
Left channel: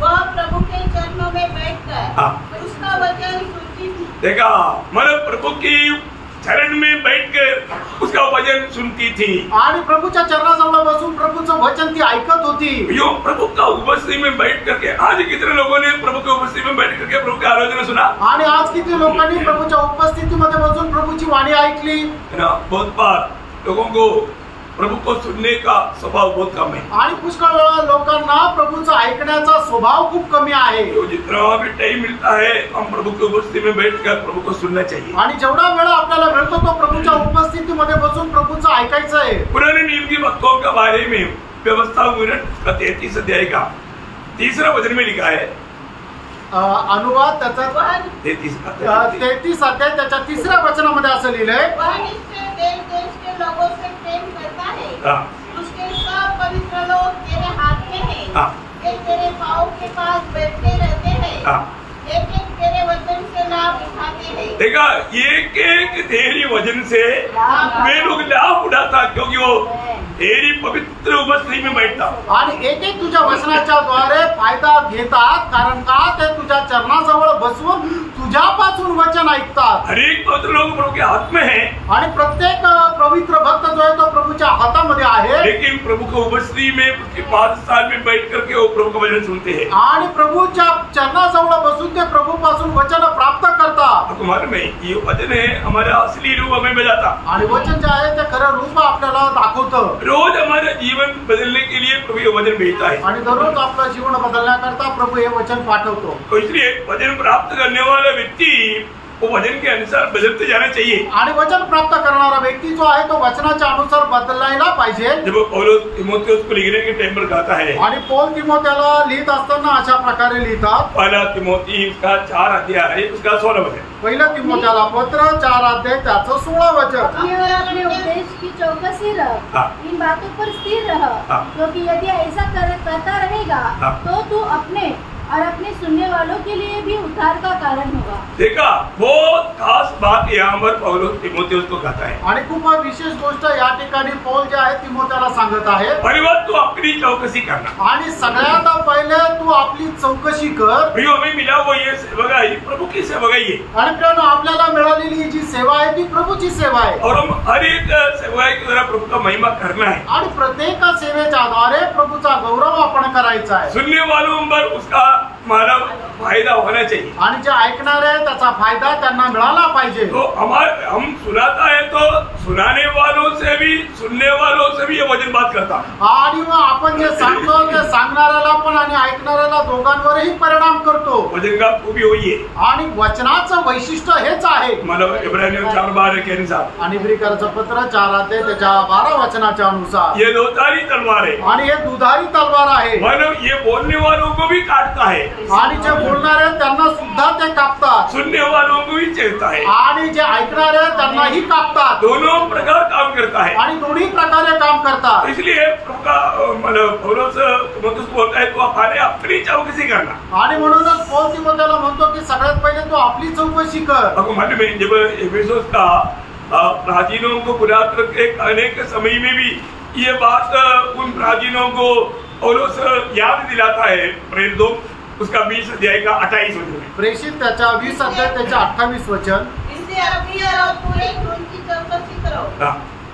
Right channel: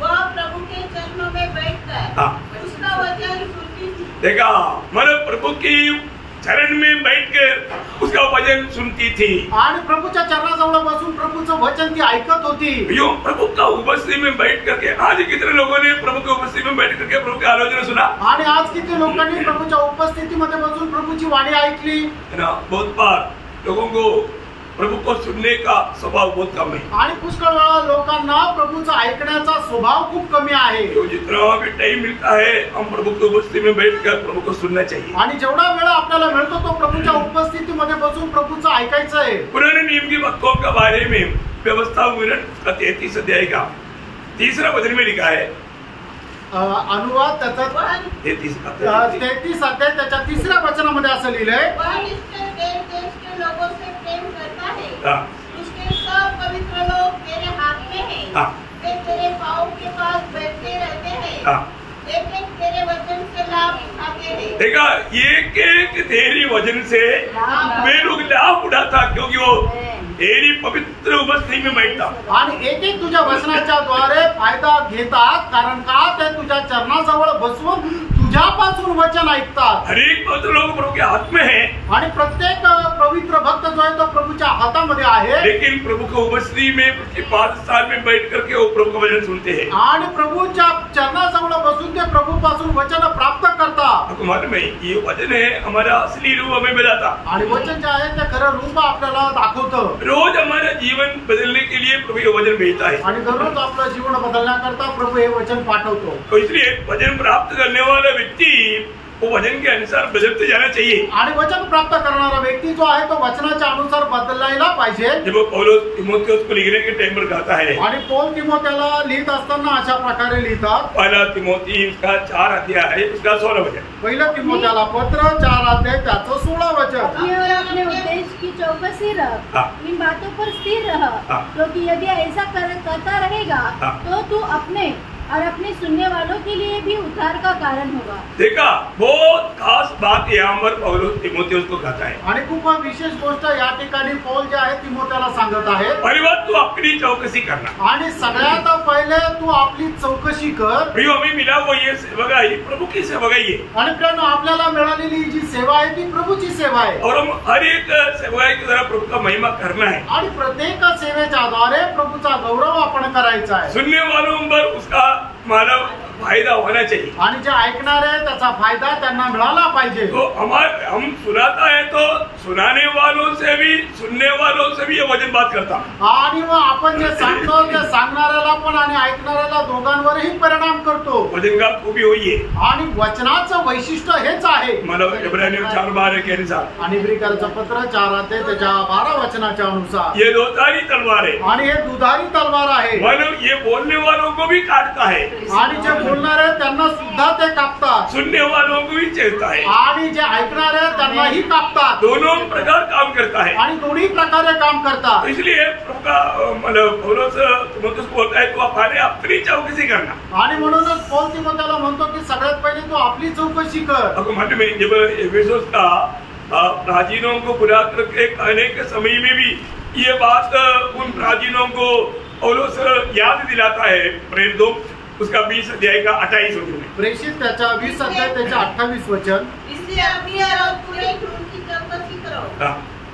वह प्रभु के चरणों में बैठकर उसका वचन सुनती थी। देखा मतलब प्रभु की चरण में बैठकर उसका वचन सुनती थी आणि प्रभूच्या चरणाजवळ बसून प्रभूचं वचन ती ऐकत होती। यो प्रभु का उपस्थिति में बैठ करके आज कितने लोगों ने प्रभु की उपस्थिति में बैठ करके प्रभु की आलोचना सुना। आणि आज किती लोकांनी प्रभूच्या उपस्थितीमध्ये बसून प्रभूची वाणी ऐकली ना। बहुत बार लोगों को प्रभु को सुनने का स्वभाव बहुत कम है। आणि पुष्कळ वेळा लोकांना प्रभूचा ऐकण्याचा स्वभाव खूप कमी आहे। तो जितना भी टाइम मिलता है हम प्रभु की उपस्थिति में बैठकर प्रभु को सुनना चाहिए। आणि जेवढा वेळ आपल्याला मिळतो तो प्रभूच्या उपस्थितीमध्ये बसून प्रभूचं ऐकायचं आहे। पुराने नियम की भक्तों के बारे में व्यवस्था 33 अध्याय का 3 वचन में लिखा है। अनुवाद त्याचा 33 अध्याय त्याच्या 3 वचनामध्ये असं लिहिलंय, देश देश के लोगों से प्रेम करता है, उसके सब पवित्र लोग तेरे हाथ में हैं, वे तेरे पाँव के पास बैठते रहते हैं, एक एक तेरे वचन से लाभ उठाते हैं। देखा एक एक तेरी वचन से वे लोग लाभ उठाता क्योंकि वो तेरी पवित्र उपस्थिति में बैठता। आणि एक एक तुझ्या वचनाच्या द्वारे फायदा घेतात, कारण का ते तुझ्या चरणाजवळ बसून तुझ्यापासून वचन ऐकतात। हर एक पवित्र लोग प्रभु के हाथ में है आणि प्रत्येक पवित्र भक्त जो आहे तो प्रभूच्या हातामध्ये आहे। लेकिन प्रभु की उपस्थिति में उसके 5 साल में बैठ करके वो प्रभु का वचन सुनते हैं आणि प्रभूच्या चरणाजवळ बसून ते प्रभूपासून वचन प्राप्त करतात। आपको मालूम है ये वचन है हमारा असली रूप हमें बताता। आणि वचन जे आहे ते खरं रूप आपल्याला दाखवतं। रोज हमारा जीवन बदलने के लिए प्रभु ये वचन भेजता है आणि दररोज आपलं जीवन बदलण्याकरता प्रभू हे वचन पाठवतो। तो इसलिए वचन प्राप्त करने वाला व्यक्ति वो वचन के अनुसार बदलते जाना चाहिए। आणि वचन प्राप्त करणारा व्यक्ती जो आहे तो वचनाच्या अनुसार बदलायला पाहिजे। जब पौलुस तिमोथेयुस को लिखने के टाइम पर कहता है आणि पौल तिमोथेला लिहित असताना अशा प्रकारे लिहितात। पहला तिमोथी उसका 4 अध्याय उसका 16 वचन, पहिलं तिमोथेला पत्र 4 अध्याय त्याचं 16 वचन। अपने उपदेश की चौकसी रख, इन बातों पर स्थिर रह, क्योंकि यदि ऐसा करता रहेगा तो तू अपने और अपने सुनने वालों के लिए भी उद्धार का कारण होगा। देखा बहुत खास बात यहाँ पर पौलुस तिमोथेयुस को कहता है। आणि खूप विशेष गोष्ट या ठिकाणी पौल जे आहे तिमोथेला सांगत आहे, पहली बात तू अपनी चौकसी करना। आणि सगळ्यात पहिले तू आपली चौकशी कर। प्रियो हमें मिला वो ये सेवकाई प्रभु की सेवकाई है आणि कारण आपल्याला मिळालेली जी सेवा आहे ती प्रभूची सेवा आहे और हम हर एक सेवकाई के द्वारा प्रभु का महिमा करना है आणि प्रत्येक सेवेच्या द्वारे प्रभूचा गौरव आपण करायचा आहे। सुनने वालों पर उसका मानव फायदा होना चाहिए आणि जे ऐकणार आहे त्याचा फायदा त्यांना मिळाला पाहिजे। तो हम सुनाता है तो सुनाने वालों से भी सुनने वालों से भी ये वचन बात करता। आणि मग आपण जे सांगतो ते सांगणाऱ्याला पण आणि ऐकणाऱ्याला दोघांवरही परिणाम करतो। वचन का खूबी हुई है आणि वचनाचं वैशिष्ट्य हेच आहे। मतलब इब्रानियों 4:12 के अनुसार आणि इब्रिकांचं पत्र 4 अध्याय त्याच्या 12 वचनाच्या अनुसार ये दोधारी तलवार है आणि हे दुधारी तलवार आहे। मतलब ये बोलने वालों को भी काटता है आणि जे बोलणारे त्यांना सुद्धा ते कापतात, सुनने वालों को भी चेरता है आणि जे ऐकणारे त्यांनाही कापतात। दोनों प्रकार काम करता है आणि दोन्ही प्रकारे काम करतात। इसलिए प्रभु का मतलब पौलुस तिमोथेयुस को बोलता है तो अपनी चौकसी करना। आणि म्हणूनच पौल तिमोथेला म्हणतो की सगळ्यात पहिले तू आपली चौकशी कर। आपको मालूम है जब एफेसुस का प्राचीनों को बुला करके कहने के समय में भी ये बात उन प्राचीनों को पौलुस याद दिलाता है। प्रेरितों उसका 20 अध्याय का 28 वचन, प्रेषित त्याच्या 20 अध्याय त्याच्या 28 वचन। इसलिए अपनी और पूरे झूठ की चौकसी करो,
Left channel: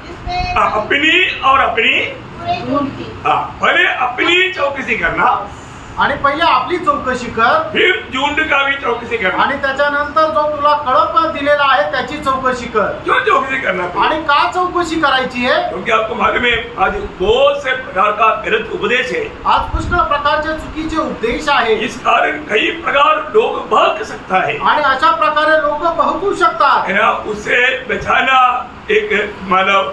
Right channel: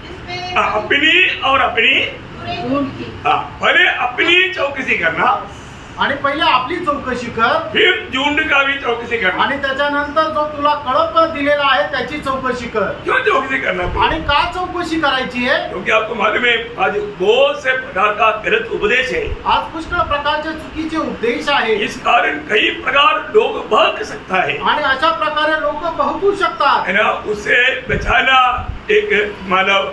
जिसमें अपनी और अपनी पूरे झूठ की। पहले अपनी चौकसी करना आणि पहिले आपली चौकशी कर, फिर झुंड का भी चौकसी करना। आणि त्याच्यानंतर जो तुला कळप दिलेला आहे त्याची चौकशी कर। क्यों चौकसी करना? आणि का चौकशी करायची आहे? क्योंकि आपको मालूम है आज बहुत से प्रकार का गलत उपदेश है। आज पुष्कळ प्रकारचे चुकीचे उपदेश आहे। इस कारण कई प्रकार लोग बहक सकता है आणि अशा प्रकारे लोक बहकू शकतात। है ना। उससे बचाना एक मानव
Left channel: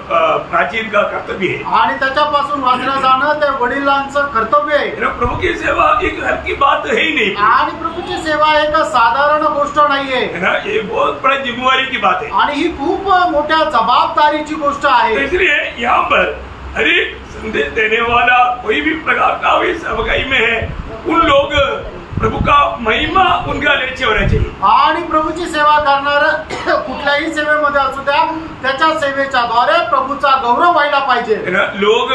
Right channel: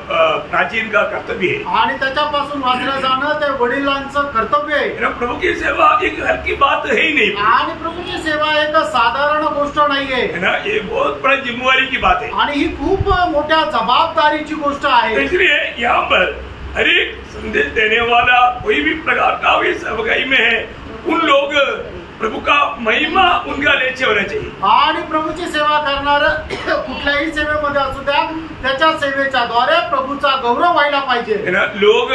प्राचीन का कर्तव्य है आणि त्याच्यापासून वाचलं जाणं ते वडिलांचं कर्तव्य आहे. प्रभु की सेवा एक हल्की बात है ही नहीं आणि प्रभूची सेवा एक साधारण गोष्ट नाहीये है ना, ये बहुत बड़ा जिम्मेवारी की बात है. आणि ही खूप मोठ्या जबाबदारीची गोष्ट तो आहे. इसलिए यहाँ पर हर एक संदेश देने वाला कोई भी प्रकार का भी सेवकाई में है, उन लोग प्रभु का महिमा उनका लेचे होना चाहिए. आणि प्रभूची सेवा करणार कुठल्याही सेवेमध्ये असू द्या, त्याच्या सेवेच्या द्वारे प्रभूचा गौरव व्हायला पाहिजे. है ना, लोग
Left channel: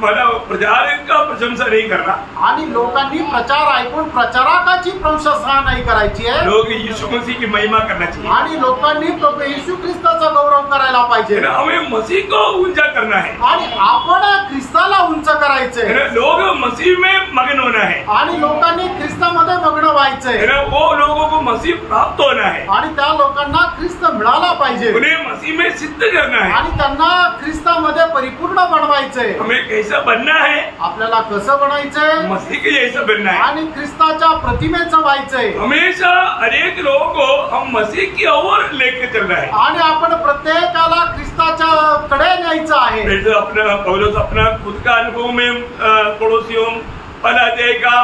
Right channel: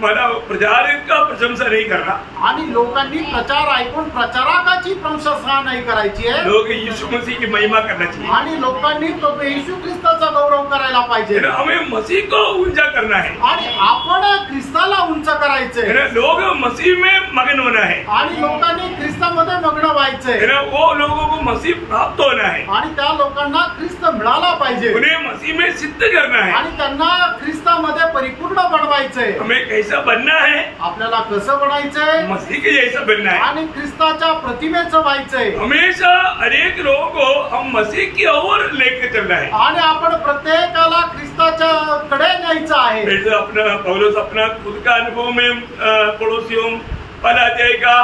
मतलब प्रचार का प्रशंसा नहीं करना, आणि लोकांनी प्रचार ऐकून प्रचारकाची प्रशंसा नाही करायची आहे. लोग यीशु मसीह की महिमा करना चाहिए. आणि लोकांनी प्रभू येशू ख्रिस्ताचा गौरव करायला पाहिजे. है ना, हमें मसीह को ऊंचा करना है. आणि आपण ख्रिस्ताला उंच करायचंय. है ना, लोग मसीह में मगन होना है. आणि लोकांनी ख्रिस्तामध्ये मग्न व्हायचंय. है ना, वो लोगों को मसीह प्राप्त होना है. आणि त्या लोकांना ख्रिस्त मिळाला पाहिजे. उन्हें मसीह में सिद्ध करना है. आणि त्यांना ख्रिस्तामध्ये परिपूर्ण बनवायचंय. हमें कैसा बनना है, आपल्याला कसं बनायचंय, मसीह के जैसा बनना है. आणि ख्रिस्ताच्या प्रतिमेचं व्हायचंय. हमेशा हर एक लोगों को हम मसीह की ओर लेके चलना है. आणि आपण प्रत्येकाला ख्रिस्ताच्या कडे न्यायचं आहे. जैसे अपना पौलुस अपना खुद का अनुभव में पड़ोसियों पहला अध्याय का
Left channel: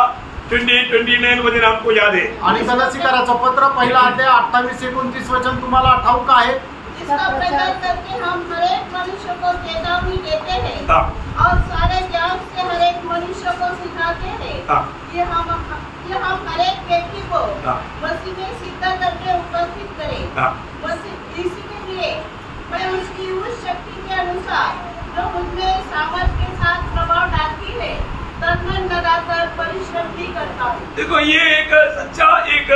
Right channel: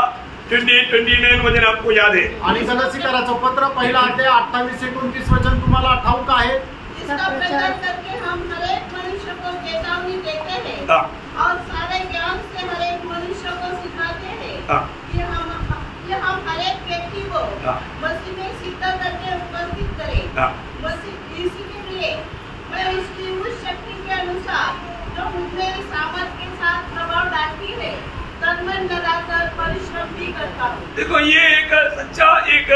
20-29 वचन आपको याद है. आणि गलातीकराचं पत्र पहिला अध्याय 28-29 वचन तुम्हाला ठाऊक आहे. इसका प्रचार करके हम हर एक मनुष्य को चेतावनी देते हैं हाँ. और सारे ज्ञान से हर एक मनुष्य को सिखाते हैं हाँ. कि हम हर एक व्यक्ति को हाँ. मसीह में सिद्ध करके उपस्थित करें. हाँ. मसीह इसी के लिए मैं उसकी उस शक्ति के अनुसार जो मुझमें सामर्थ के साथ प्रभाव डालती है तन मन लगाकर परिश्रम भी करता हूँ. देखो, ये एक सच्चा एक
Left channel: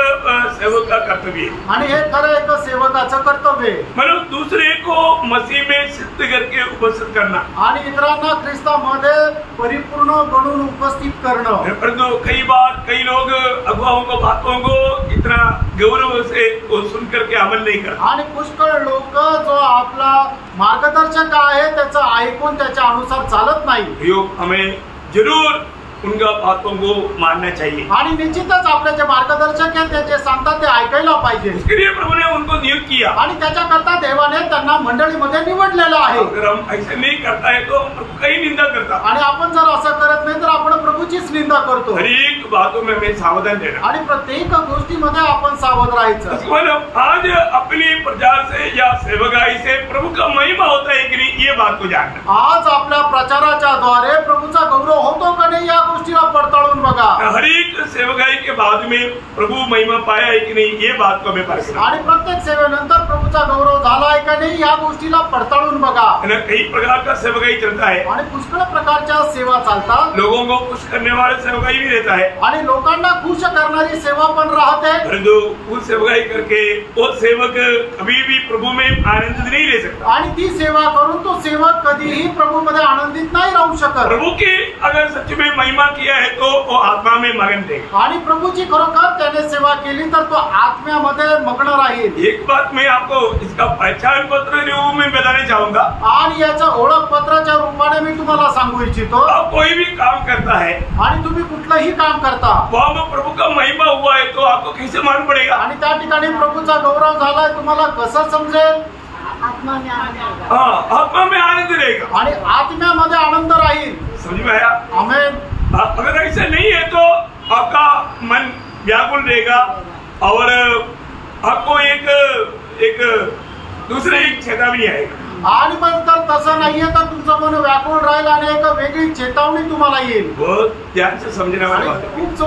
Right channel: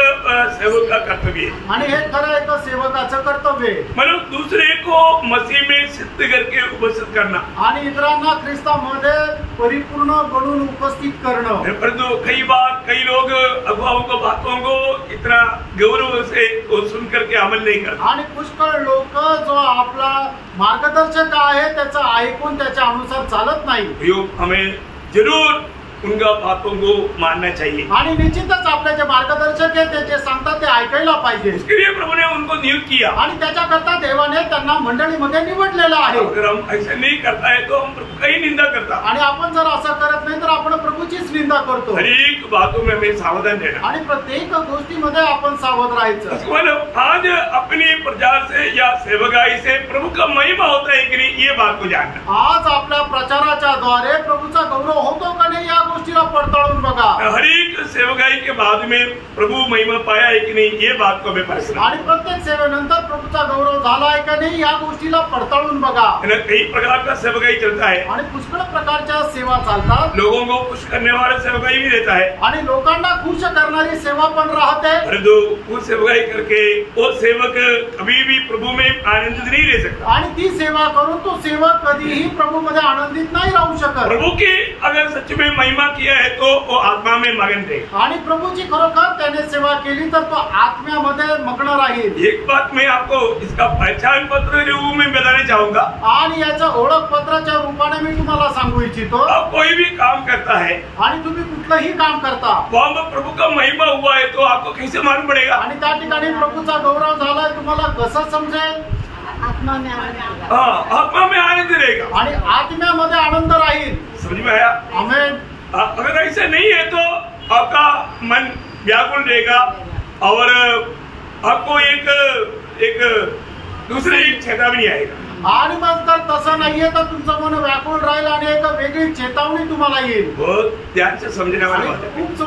सेवक का कर्तव्य है. आणि हे खरं एक सेवकाचं कर्तव्य आहे. मतलब दूसरे को मसीह में सिद्ध करके उपस्थित करना. आणि इतरांना ख्रिस्तामध्ये परिपूर्ण बनवून उपस्थित करणं. परंतु कई बार कई लोग अगुवाओं को बातों को इतना गौरव से सुन करके अमल नहीं करते. आणि पुष्कळ लोक जो आपला मार्गदर्शक आहे त्याचं ऐकून त्याच्या अनुसार चालत नाही. हमें जरूर उनका बातों को मानना चाहिए. आणि निश्चितच आपले जे मार्गदर्शक आहेत ते जे सांगतात ते ऐकायला पाहिजे. इसके लिए प्रभु ने उनको नियुक्त किया. आणि त्याच्याकरता देवाने त्यांना मंडळीमध्ये निवडलेलं आहे. अगर हम ऐसा नहीं करता है तो हम प्रभु का ही निंदा करता. आणि आपण जर असं करत नाही तर आपण प्रभूचीच निंदा करतो. हर एक बातों में हमें सावधान देना. आणि प्रत्येक गोष्टीमध्ये आपण सावध राहायचं. मतलब आज अपनी प्रचार से या सेवकाई से प्रभु का महिमा होता है कि नहीं, ये बात को जानना. आज आपल्या प्रचाराच्या द्वारे प्रभूचा गौरव होतो का नाही या गोष्टीला पडताळून बघा. हर एक सेवकाई के बाद में प्रभु महिमा पाया है कि नहीं, ये बात को हमें परखना. आणि प्रत्येक सेवेनंतर प्रभूचा गौरव झाला आहे का नाही या गोष्टीला पडताळून बघा. कई प्रकार का सेवकाई चलता है. आणि पुष्कळ प्रकारच्या सेवा चालतात. लोगों को खुश करने वाला सेवकाई भी रहता है. आणि लोकांना खुश करणारी सेवा पण राहते. परंतु वो सेवकाई करके वो सेवक कभी भी प्रभु में आनंदित नहीं रह सकता. आणि ती सेवा करून तो सेवक कधीही प्रभू मध्ये आनंदित नाही राहू शकत. प्रभु की अगर सच में महिमा किया है तो वो आत्मा में मगन थे. आणि प्रभूची खरोखर त्याने सेवा केली तर तो आत्म्यामध्ये मग्न राहील. एक बात मैं आपको इसका पहचान पत्र रूप में बताना चाहूंगा. आणि याचा ओळखपत्राच्या रूपाने मी तुम्हाला सांगू इच्छितो. आप कोई भी काम करता है आणि तुम्ही कुठलंही काम करता वहाँ पर प्रभु का महिमा हुआ है तो आपको कैसे मालूम पड़ेगा. आणि त्या ठिकाणी प्रभूचा गौरव झालाय तुम्हाला कसं समजेल. आत्मा में आनंद होगा. हाँ, आत्मा में आनंद रहेगा. आणि आत्म्यामध्ये आनंद राहील. समझ में आया. आमेन. अगर ऐसा नहीं है तो आपका मन व्याकुल रहेगा और आपको एक दूसरे एक चेतावनी आएगा. आणि मग जर तसं नाहीये तर तुमचं मन व्याकुळ राहील आणि एक वेगळी चेतावणी तुम्हाला येईल. बहुत ध्यान से समझने वाली बात है. खूप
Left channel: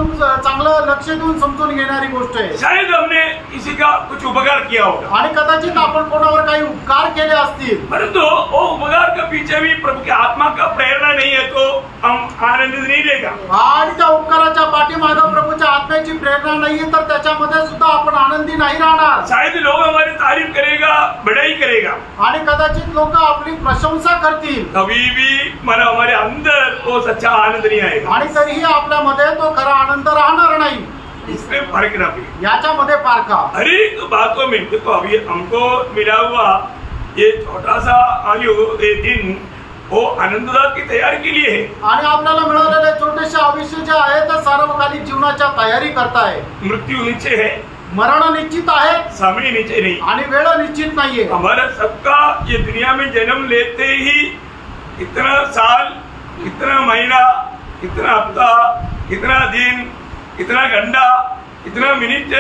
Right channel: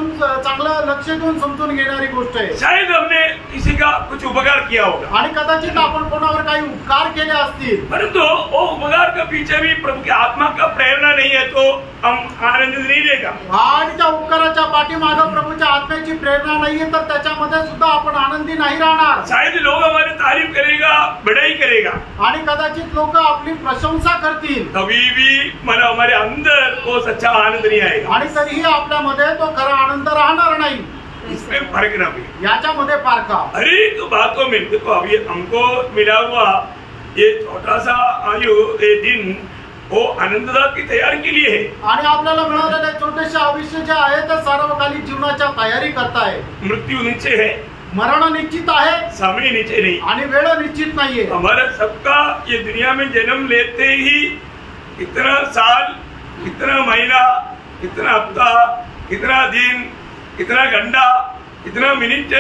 चांगलं लक्ष देऊन समजून घेणारी गोष्ट आहे. शायद हमने किसी का कुछ उपकार किया होगा आणि कदाचित आपण कोणावर काही उपकार केले असतील. परंतु वो उपकार के पीछे भी प्रभु की आत्मा का प्रेरणा नहीं है तो हम आनंदित नहीं रहेगा. आणि त्या उपकाराच्या पाठीमागे प्रभूच्या आत्म्याची प्रेरणा नाहीये तर त्याच्यामध्ये सुद्धा आपण आनंदी नाही राहणार. शायद लोग हमारी तारीफ करेगा, बड़ाई करेगा. आणि कदाचित लोक आपली प्रशंसा करतील. कभी भी मतलब हमारे अंदर वो सच्चा आनंद नहीं आएगा. आणि तरीही आपल्यामध्ये तो खरा आनंद राहणार नाही. इसमें फर्क ना भी. याच्यामध्ये फारका. हर एक बातों में देखो, अभी हमको मिला हुआ ये छोटा सा आयु ये दिन वो आनंददायक की तैयारी के लिए है. आणि आपल्याला मिळालेले छोटेसे आयुष्य जे आहे ते सार्वकालिक जीवनाच्या तयारी करताय. मृत्यु नीचे है मरण निश्चित आहे, समय नीचे नहीं, आणि वेळ निश्चित नाहीये. हमारा सबका ये दुनिया में जन्म लेते ही कितना साल, कितना महीना, कितना हफ्ता, कितना दिन, कितना घंटा, कितना मिनिट,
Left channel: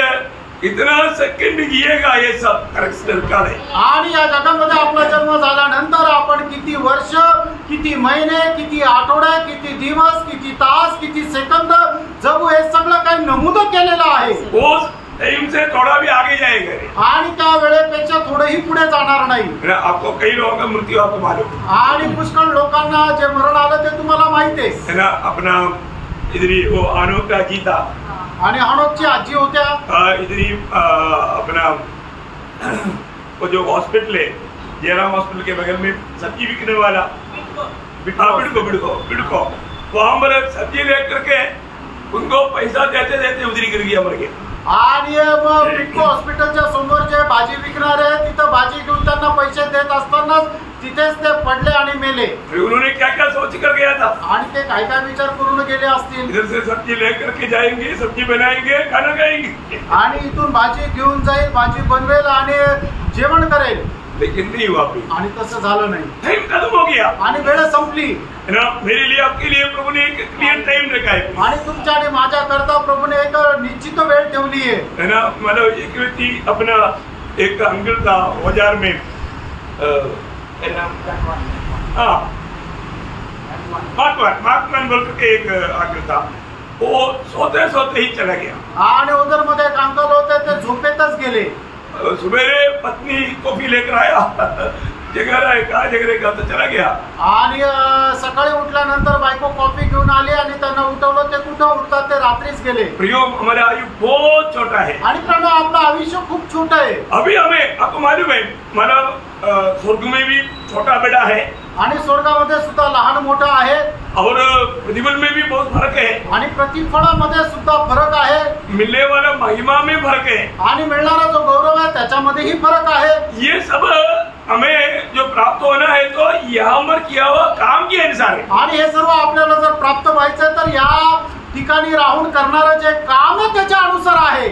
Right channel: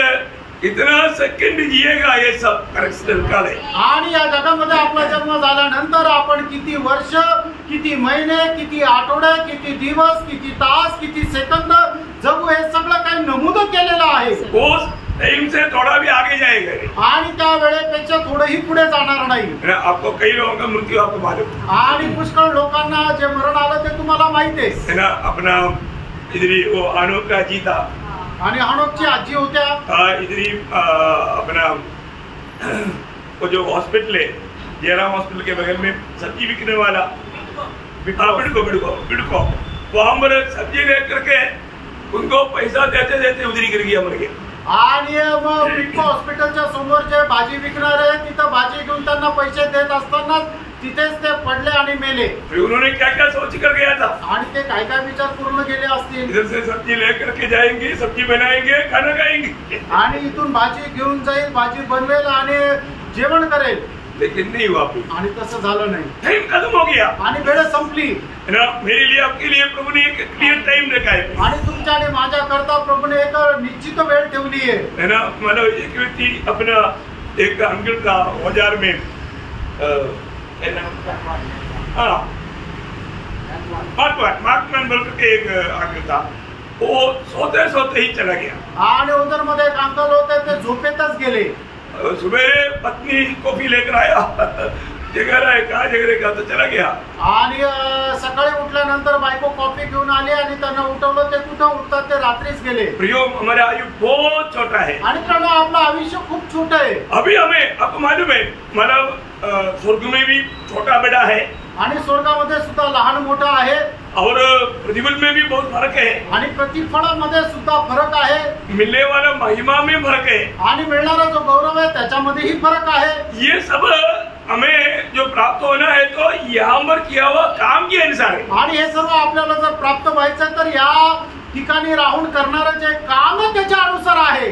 कितना सेकंड जिएगा, हे सब करेक्टर काळ आहे. आणि या जगामध्ये आपला जन्म झाल्यानंतर आपण किती वर्ष, किती महिने, किती आठवडे, किती दिवस, किती तास, किती सेकंद जगू, हे सगळं काही नमूद केलेलं आहे. उस टाइम से थोड़ा भी आगे जाएगा, आणि त्या वेळेपेक्षा थोडंही पुढे जाणार नाही. आपको कई लोगों का मृत्यु आपको मालूम आणि पुष्कळ लोकांना जे मरण आलं ते तुम्हाला माहिती है ना. अपना इधरी वो आनोक का जी था, आणि हनोकची आजी होत्या. इधरी अपना वो जो हॉस्पिटल है, जयराम हॉस्पिटल के बगल में सब्जी बिकने वाला, बिड़को वहां पर सब्जी ले करके उनको पैसा देते देते उधरी गिर गया, मर गया. आणि मग बिटको हॉस्पिटलच्या समोर जे भाजी विकणारे तिथं भाजी घेऊन त्यांना पैसे देत असताना तिथेच ते पडले आणि मेले. उन्होंने क्या क्या सोच कर गया था, आणि ते काय काय विचार करून गेले असतील. इधर से सब्जी लेकर के जाएंगे, सब्जी बनाएंगे, खाना खाएंगे, आणि इथून भाजी घेऊन जाईल, भाजी बनवेल आणि जेवण करेल. लेकिन नहीं हुआ. आणि तसं झालं नाही. टाइम खत्म हो गया आणि वेळ संपली. है ना. मेरे लिए, आपके लिए प्रभु ने एक क्लियर टाइम रखा है, आणि तुमच्या आणि माझ्या करता प्रभूने एक निश्चित वेळ ठेवली है ना. मतलब एक व्यक्ति अपना एक अंकल था औजार में, मार्कमैन बोल करके एक अंकल था, वो सोते सोते ही चला गया. आणि उधर मध्ये एक अंकल होते, ते झोपेतच गेले. सुबह पत्नी कॉफी लेकर आया, जगह है कहा जगह का, तो चला गया. आणि सकाळी उठल्यानंतर बायको कॉफी घेऊन आली आणि त्यांना उठवलं. ते कुठं उठतात, ते रात्रीच गेले. प्रियो, हमारा आयु बहुत छोटा है, आणि त्यांना आपलं आयुष्य खूप छोटं आहे. अभी हमें आपको मालूम है, मतलब स्वर्ग में भी छोटा बड़ा है, आणि स्वर्गामध्ये सुद्धा लहान मोठा आहे, और प्रतिफल में भी बहुत फर्क है, आणि प्रतिफळामध्ये सुद्धा फरक आहे, मिलने वाला महिमा में फर्क है, आणि मिळणारा जो गौरव आहे त्याच्यामध्येही फरक आहे. ये सब हमें जो प्राप्त होना है तो यहाँ पर किया हुआ काम के अनुसार है. आणि हे सर्व आपल्याला जर प्राप्त व्हायचं तर या ठिकाणी राहून करणारं जे काम आहे त्याच्या अनुसार आहे.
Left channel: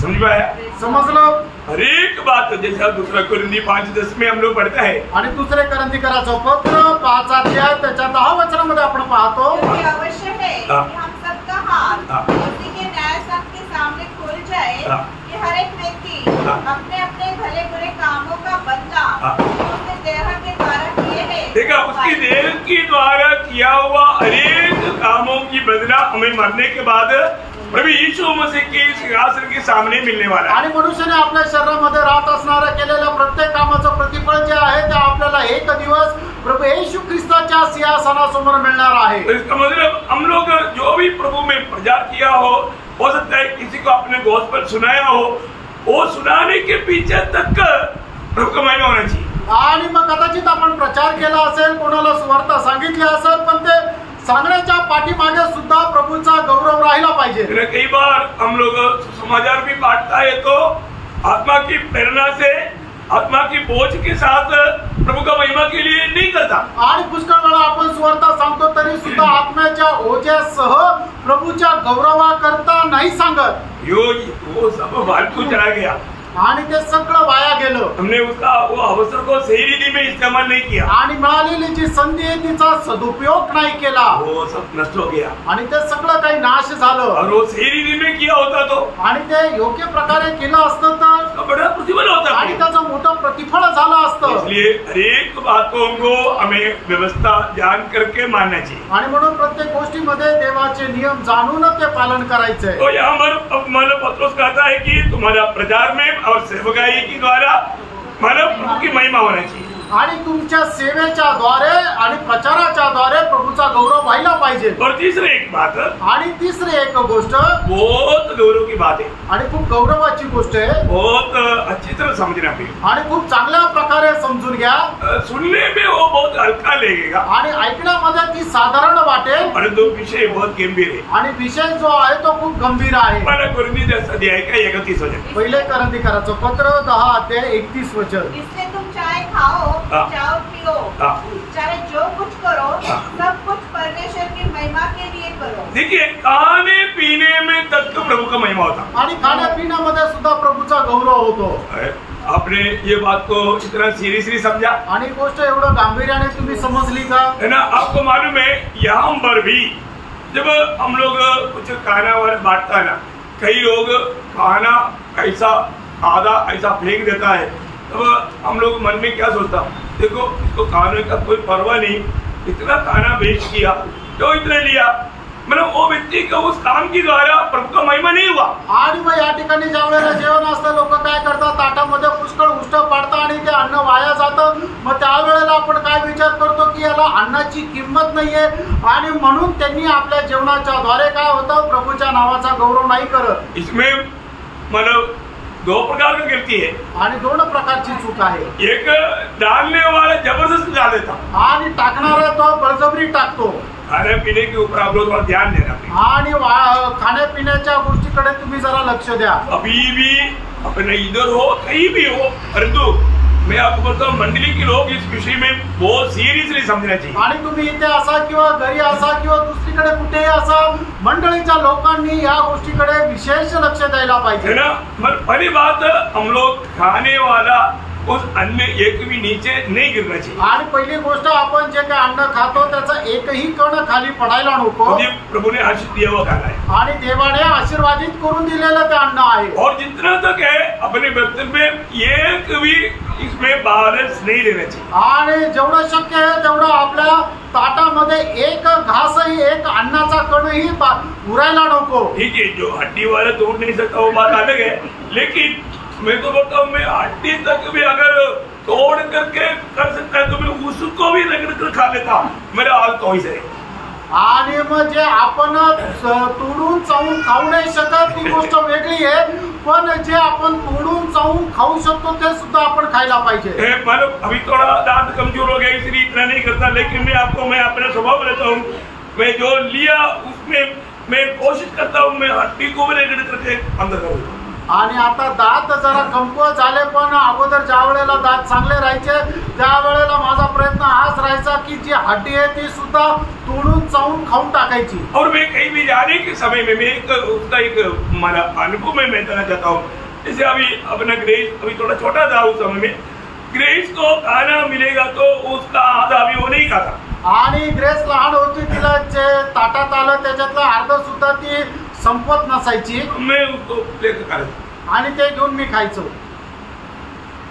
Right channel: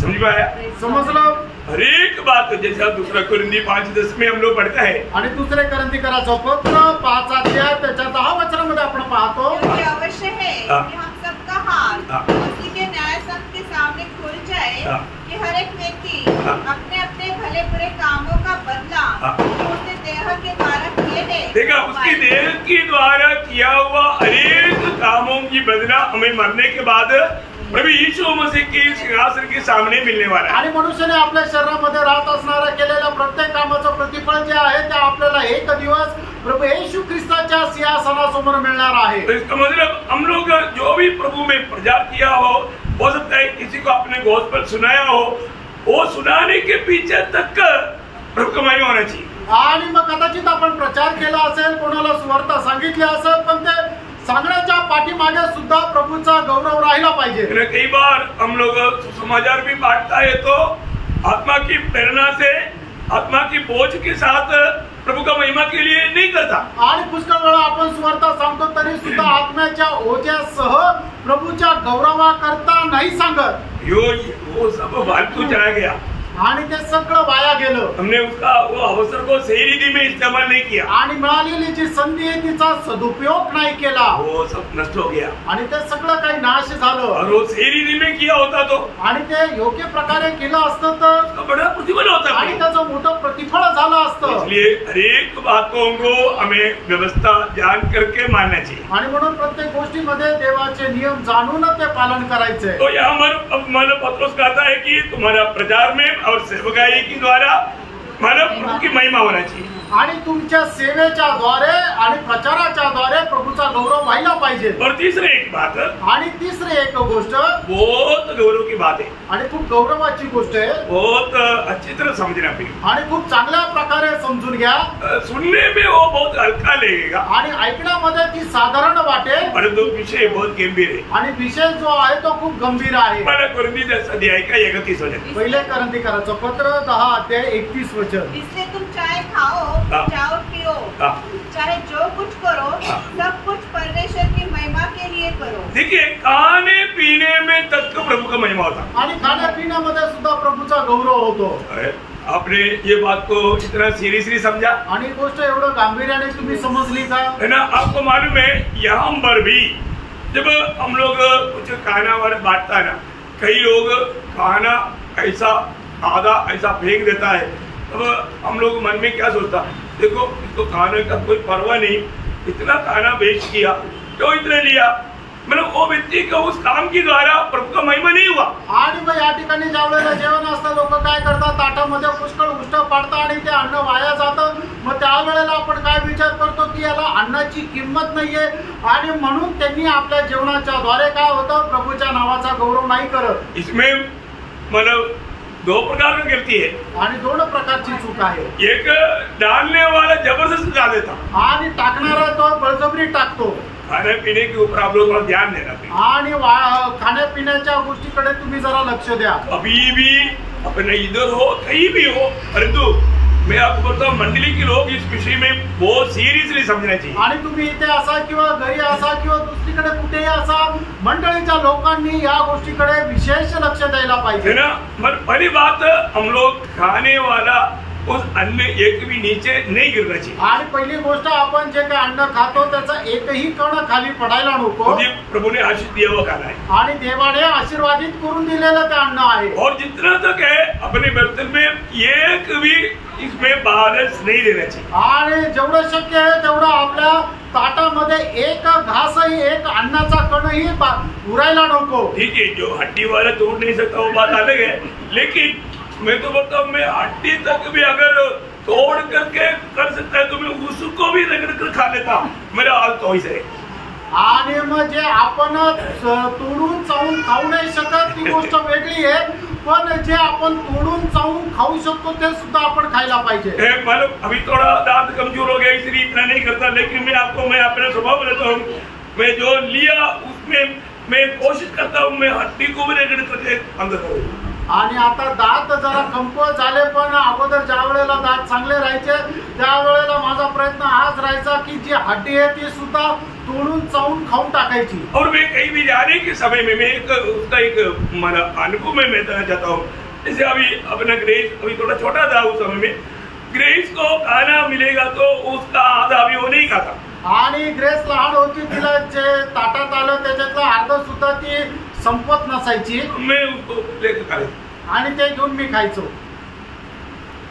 समझ पाया? समजलं? हर एक बात जैसा दूसरा कुरिन्दी 5:10 में हम लोग पढ़ते हैं, आणि दुसरे करंदीकराचं पत्र 5 अध्याय त्याच्या 10 वचनामध्ये आपण पाहतो. क्योंकि अवश्य है कि हम सबका हाथ उसी के न्याय संघ के सामने खुल जाए कि हर एक व्यक्ति अपने अपने भले बुरे कामों का बदला उसने देह के द्वारा किए हैं. देखा, उसकी देह के द्वारा किया हुआ अनेक कामों की बदला हमें मरने के बाद प्रभु यीशु मसीह के सिंहासन के सामने मिलने वाला है. आणि मनुष्याने आपल्या शरीरामध्ये राहत असणाऱ्या केलेल्या प्रत्येक कामाचं प्रतिफळ जे आहे ते आपल्याला एक दिवस प्रभु येशू ख्रिस्ताच्या सिंहासनासमोर मिळणार आहे. तो इसका मतलब हम लोग जो भी प्रभु में प्रचार किया हो सकता है किसी को आपने गॉस्पेल सुनाया हो, वो सुनाने के पीछे तक प्रभु का महिमा होना चाहिए. आणि मग कदाचित आपण प्रचार केला असेल, कोणाला सुवार्ता सांगितली असेल, पण ते सांगण्याच्या पाठीमागे सुद्धा प्रभूचा गौरव राहिला पाहिजे. कई बार हम लोग समाचार भी बांटता है तो आत्मा की प्रेरणा से, आत्मा की बोझ के साथ प्रभु का महिमा के लिए नहीं करता. आणि पुष्कळ वेळा आपण सुवार्ता सांगतो तरी सुद्धा आत्म्याच्या ओझ्यासह प्रभूच्या गौरवाकरता नाही सांगत. वो सब फालतू चला गया, आणि ते सगळं वाया गेलं. हमने उसका वो अवसर को सही रीति में इस्तेमाल नहीं किया, आणि मिळालेली जी संधी आहे तिचा सदुपयोग नाही केला, वो सब नष्ट हो गया. आणि ते सगळं काही नाश झालं. और वो सही रीति में किया होता तो आणि ते योग्य प्रकारे केलं असतं तर बड़ा प्रतिफल होता. आणि त्याचं मोठं प्रतिफळ झालं असतं. इसलिए हर एक बातों को हमें व्यवस्था जान करके मानना चाहिए. आणि म्हणून प्रत्येक गोष्टीमध्ये देवाचे नियम जाणून ते पालन करायचंय. तो यहाँ पर पत्रोस कहता है कि तुम्हारा प्रचार में और सेवकाई के द्वारा मानव प्रभु की महिमा होना चाहिए. आणि तुमच्या सेवेच्या द्वारे आणि प्रचाराच्या द्वारे प्रभूचा गौरव व्हायला पाहिजे. और तीसरी एक बात, आणि तिसरी एक गोष्ट बहुत गौरव की बात है, आणि खूप गौरवाची गोष्ट आहे, बहुत अच्छी तरह समझना पड़ेगा. आणि खूप चांगल्या प्रकारे समजून घ्या. सुनने में वो बहुत हल्का लगेगा, आणि ऐकण्यामध्ये ती साधारण वाटेल, परंतु विषय बहुत गंभीर है. आणि विषय जो आहे तो खूप गंभीर आहे. पहिला कुरिन्दी 10 अध्याय का 31 वचन. पहिले करंदीकराचं पत्र 10 अध्याय 31 वचन. इसलिए तुम चाहे खाओ चाहे पियो चाहे जो कुछ करो सब कुछ परमेश्वर की महिमा के लिए करो. देखिए खाने पीने में तक प्रभु का महिमा होता आणि खाण्यापिण्यामध्ये सुद्धा प्रभूचा गौरव होतो. आपने ये बात को इतना सीरियसली समझा आणि गोष्ट एवढं गांभीर्याने तुम्ही समजली का? है ना. आपको मालूम है यहाँ पर भी जब हम लोग कुछ खाना वाना बांटता है ना, कई लोग खाना ऐसा आधा ऐसा फेंक देता है, तब हम लोग मन में क्या सोचता, देखो इसको खाने का कोई परवाह नहीं, इतना खाना वेस्ट किया, क्यों इतने लिया, मतलब वो व्यक्ति का उस काम की द्वारा प्रभु का महिमा नहीं हुआ. आणि मग या ठिकाणी ज्या वेळेला जेवण असतं लोक काय करतात, ताटामध्ये पुष्कळ उष्ट पाडतात आणि ते अन्न वाया जातं. मग त्यावेळेला आपण काय विचार करतो की याला अन्नाची किंमत नाहीये आणि म्हणून त्यांनी आपल्या जेवणाच्या द्वारे काय होतं, प्रभूच्या नावाचा गौरव नाही करत. इसमें मतलब दो प्रकार की गलती है. आणि दोन प्रकारची चूक आहे. एक डालने वाला जबरदस्ती डाल देता आणि टाकणारा तो बळजबरी टाकतो. खाने पीने के ऊपर आप लोग थोड़ा ध्यान देना. आणि खाण्यापिण्याच्या गोष्टीकडे तुम्ही जरा लक्ष द्या. अभी भी अपने इधर हो कहीं भी हो, परंतु मैं आपको बताऊं मंडली के लोग इस विषय में बहुत सीरियसली समझना चाहिए. आणि तुम्ही इथे असा किंवा घरी असा किंवा दुसरीकडे कुठेही असा, मंडळीच्या लोकांनी या गोष्टीकडे विशेष लक्ष द्यायला पाहिजे. है ना. पहली बात, हम लोग खाने वाला उस अन्न एक भी नीचे नहीं गिरना चाहिए. आणि पहिली गोष्ट, आपण जे काय अन्न खातो त्याचा एकही कण खाली पडायला नको. प्रभु ने आशीष दिया हुआ खाना है आणि देवाने आशीर्वादित करून दिलेलं ते अन्न आहे. और जितना तक है अपने बर्तन में एक भी इसमें बैलेंस नहीं देना चाहिए. आणि जेवढं शक्य आहे तेवढं आपल्या ताटामध्ये एक घासही, एक अन्नाचा कणही उरायला नको. ठीक है, जो हड्डी वाला तोड़ नहीं सकता वो बात अलग है, लेकिन मैं तो बताऊं, मैं हड्डी तक भी अगर तोड़ करके कर सकता है तो मैं उसको भी रगड़ कर खा लेता. मेरा हाल तो ऐसा है. आणि मग जे आपण तोडून चावून खाऊ नाही शकत ती गोष्ट वेगळी आहे, पण जे आपण तोडून चावून खाऊ शकतो ते सुद्धा आपण खायला पाहिजे. मतलब अभी थोड़ा दांत कमजोर हो गया इसलिए इतना नहीं करता, लेकिन मैं अपना स्वभाव बताता हूँ, मैं जो लिया उसमें मैं कोशिश करता हूँ मैं हड्डी को भी रगड़ करके अंदर करूँ. आणि आता दात जरा कमकुवत झाले, पण अगोदर ज्या वेळेला दात चांगले राहायचे त्यावेळेला माझा प्रयत्न हाच राहायचा की जी हड्डी आहे ती सुद्धा तोडून चावून खाऊन टाकायची. और मैं कहीं भी जाने के समय में मैं उसका एक हमारा अनुभव में बताना चाहता हूँ. जैसे अभी अपना ग्रेस अभी थोड़ा छोटा था, उस समय में ग्रेस को खाना मिलेगा तो उसका आधा भी वो नहीं खाता. आणि ग्रेस लहान होती, तिला जे ताटात आलं त्याच्यातलं अर्ध सुद्धा ती संपत नसायची. मैं उसको लेकर खाया आणि ते घेऊन मी खायचो.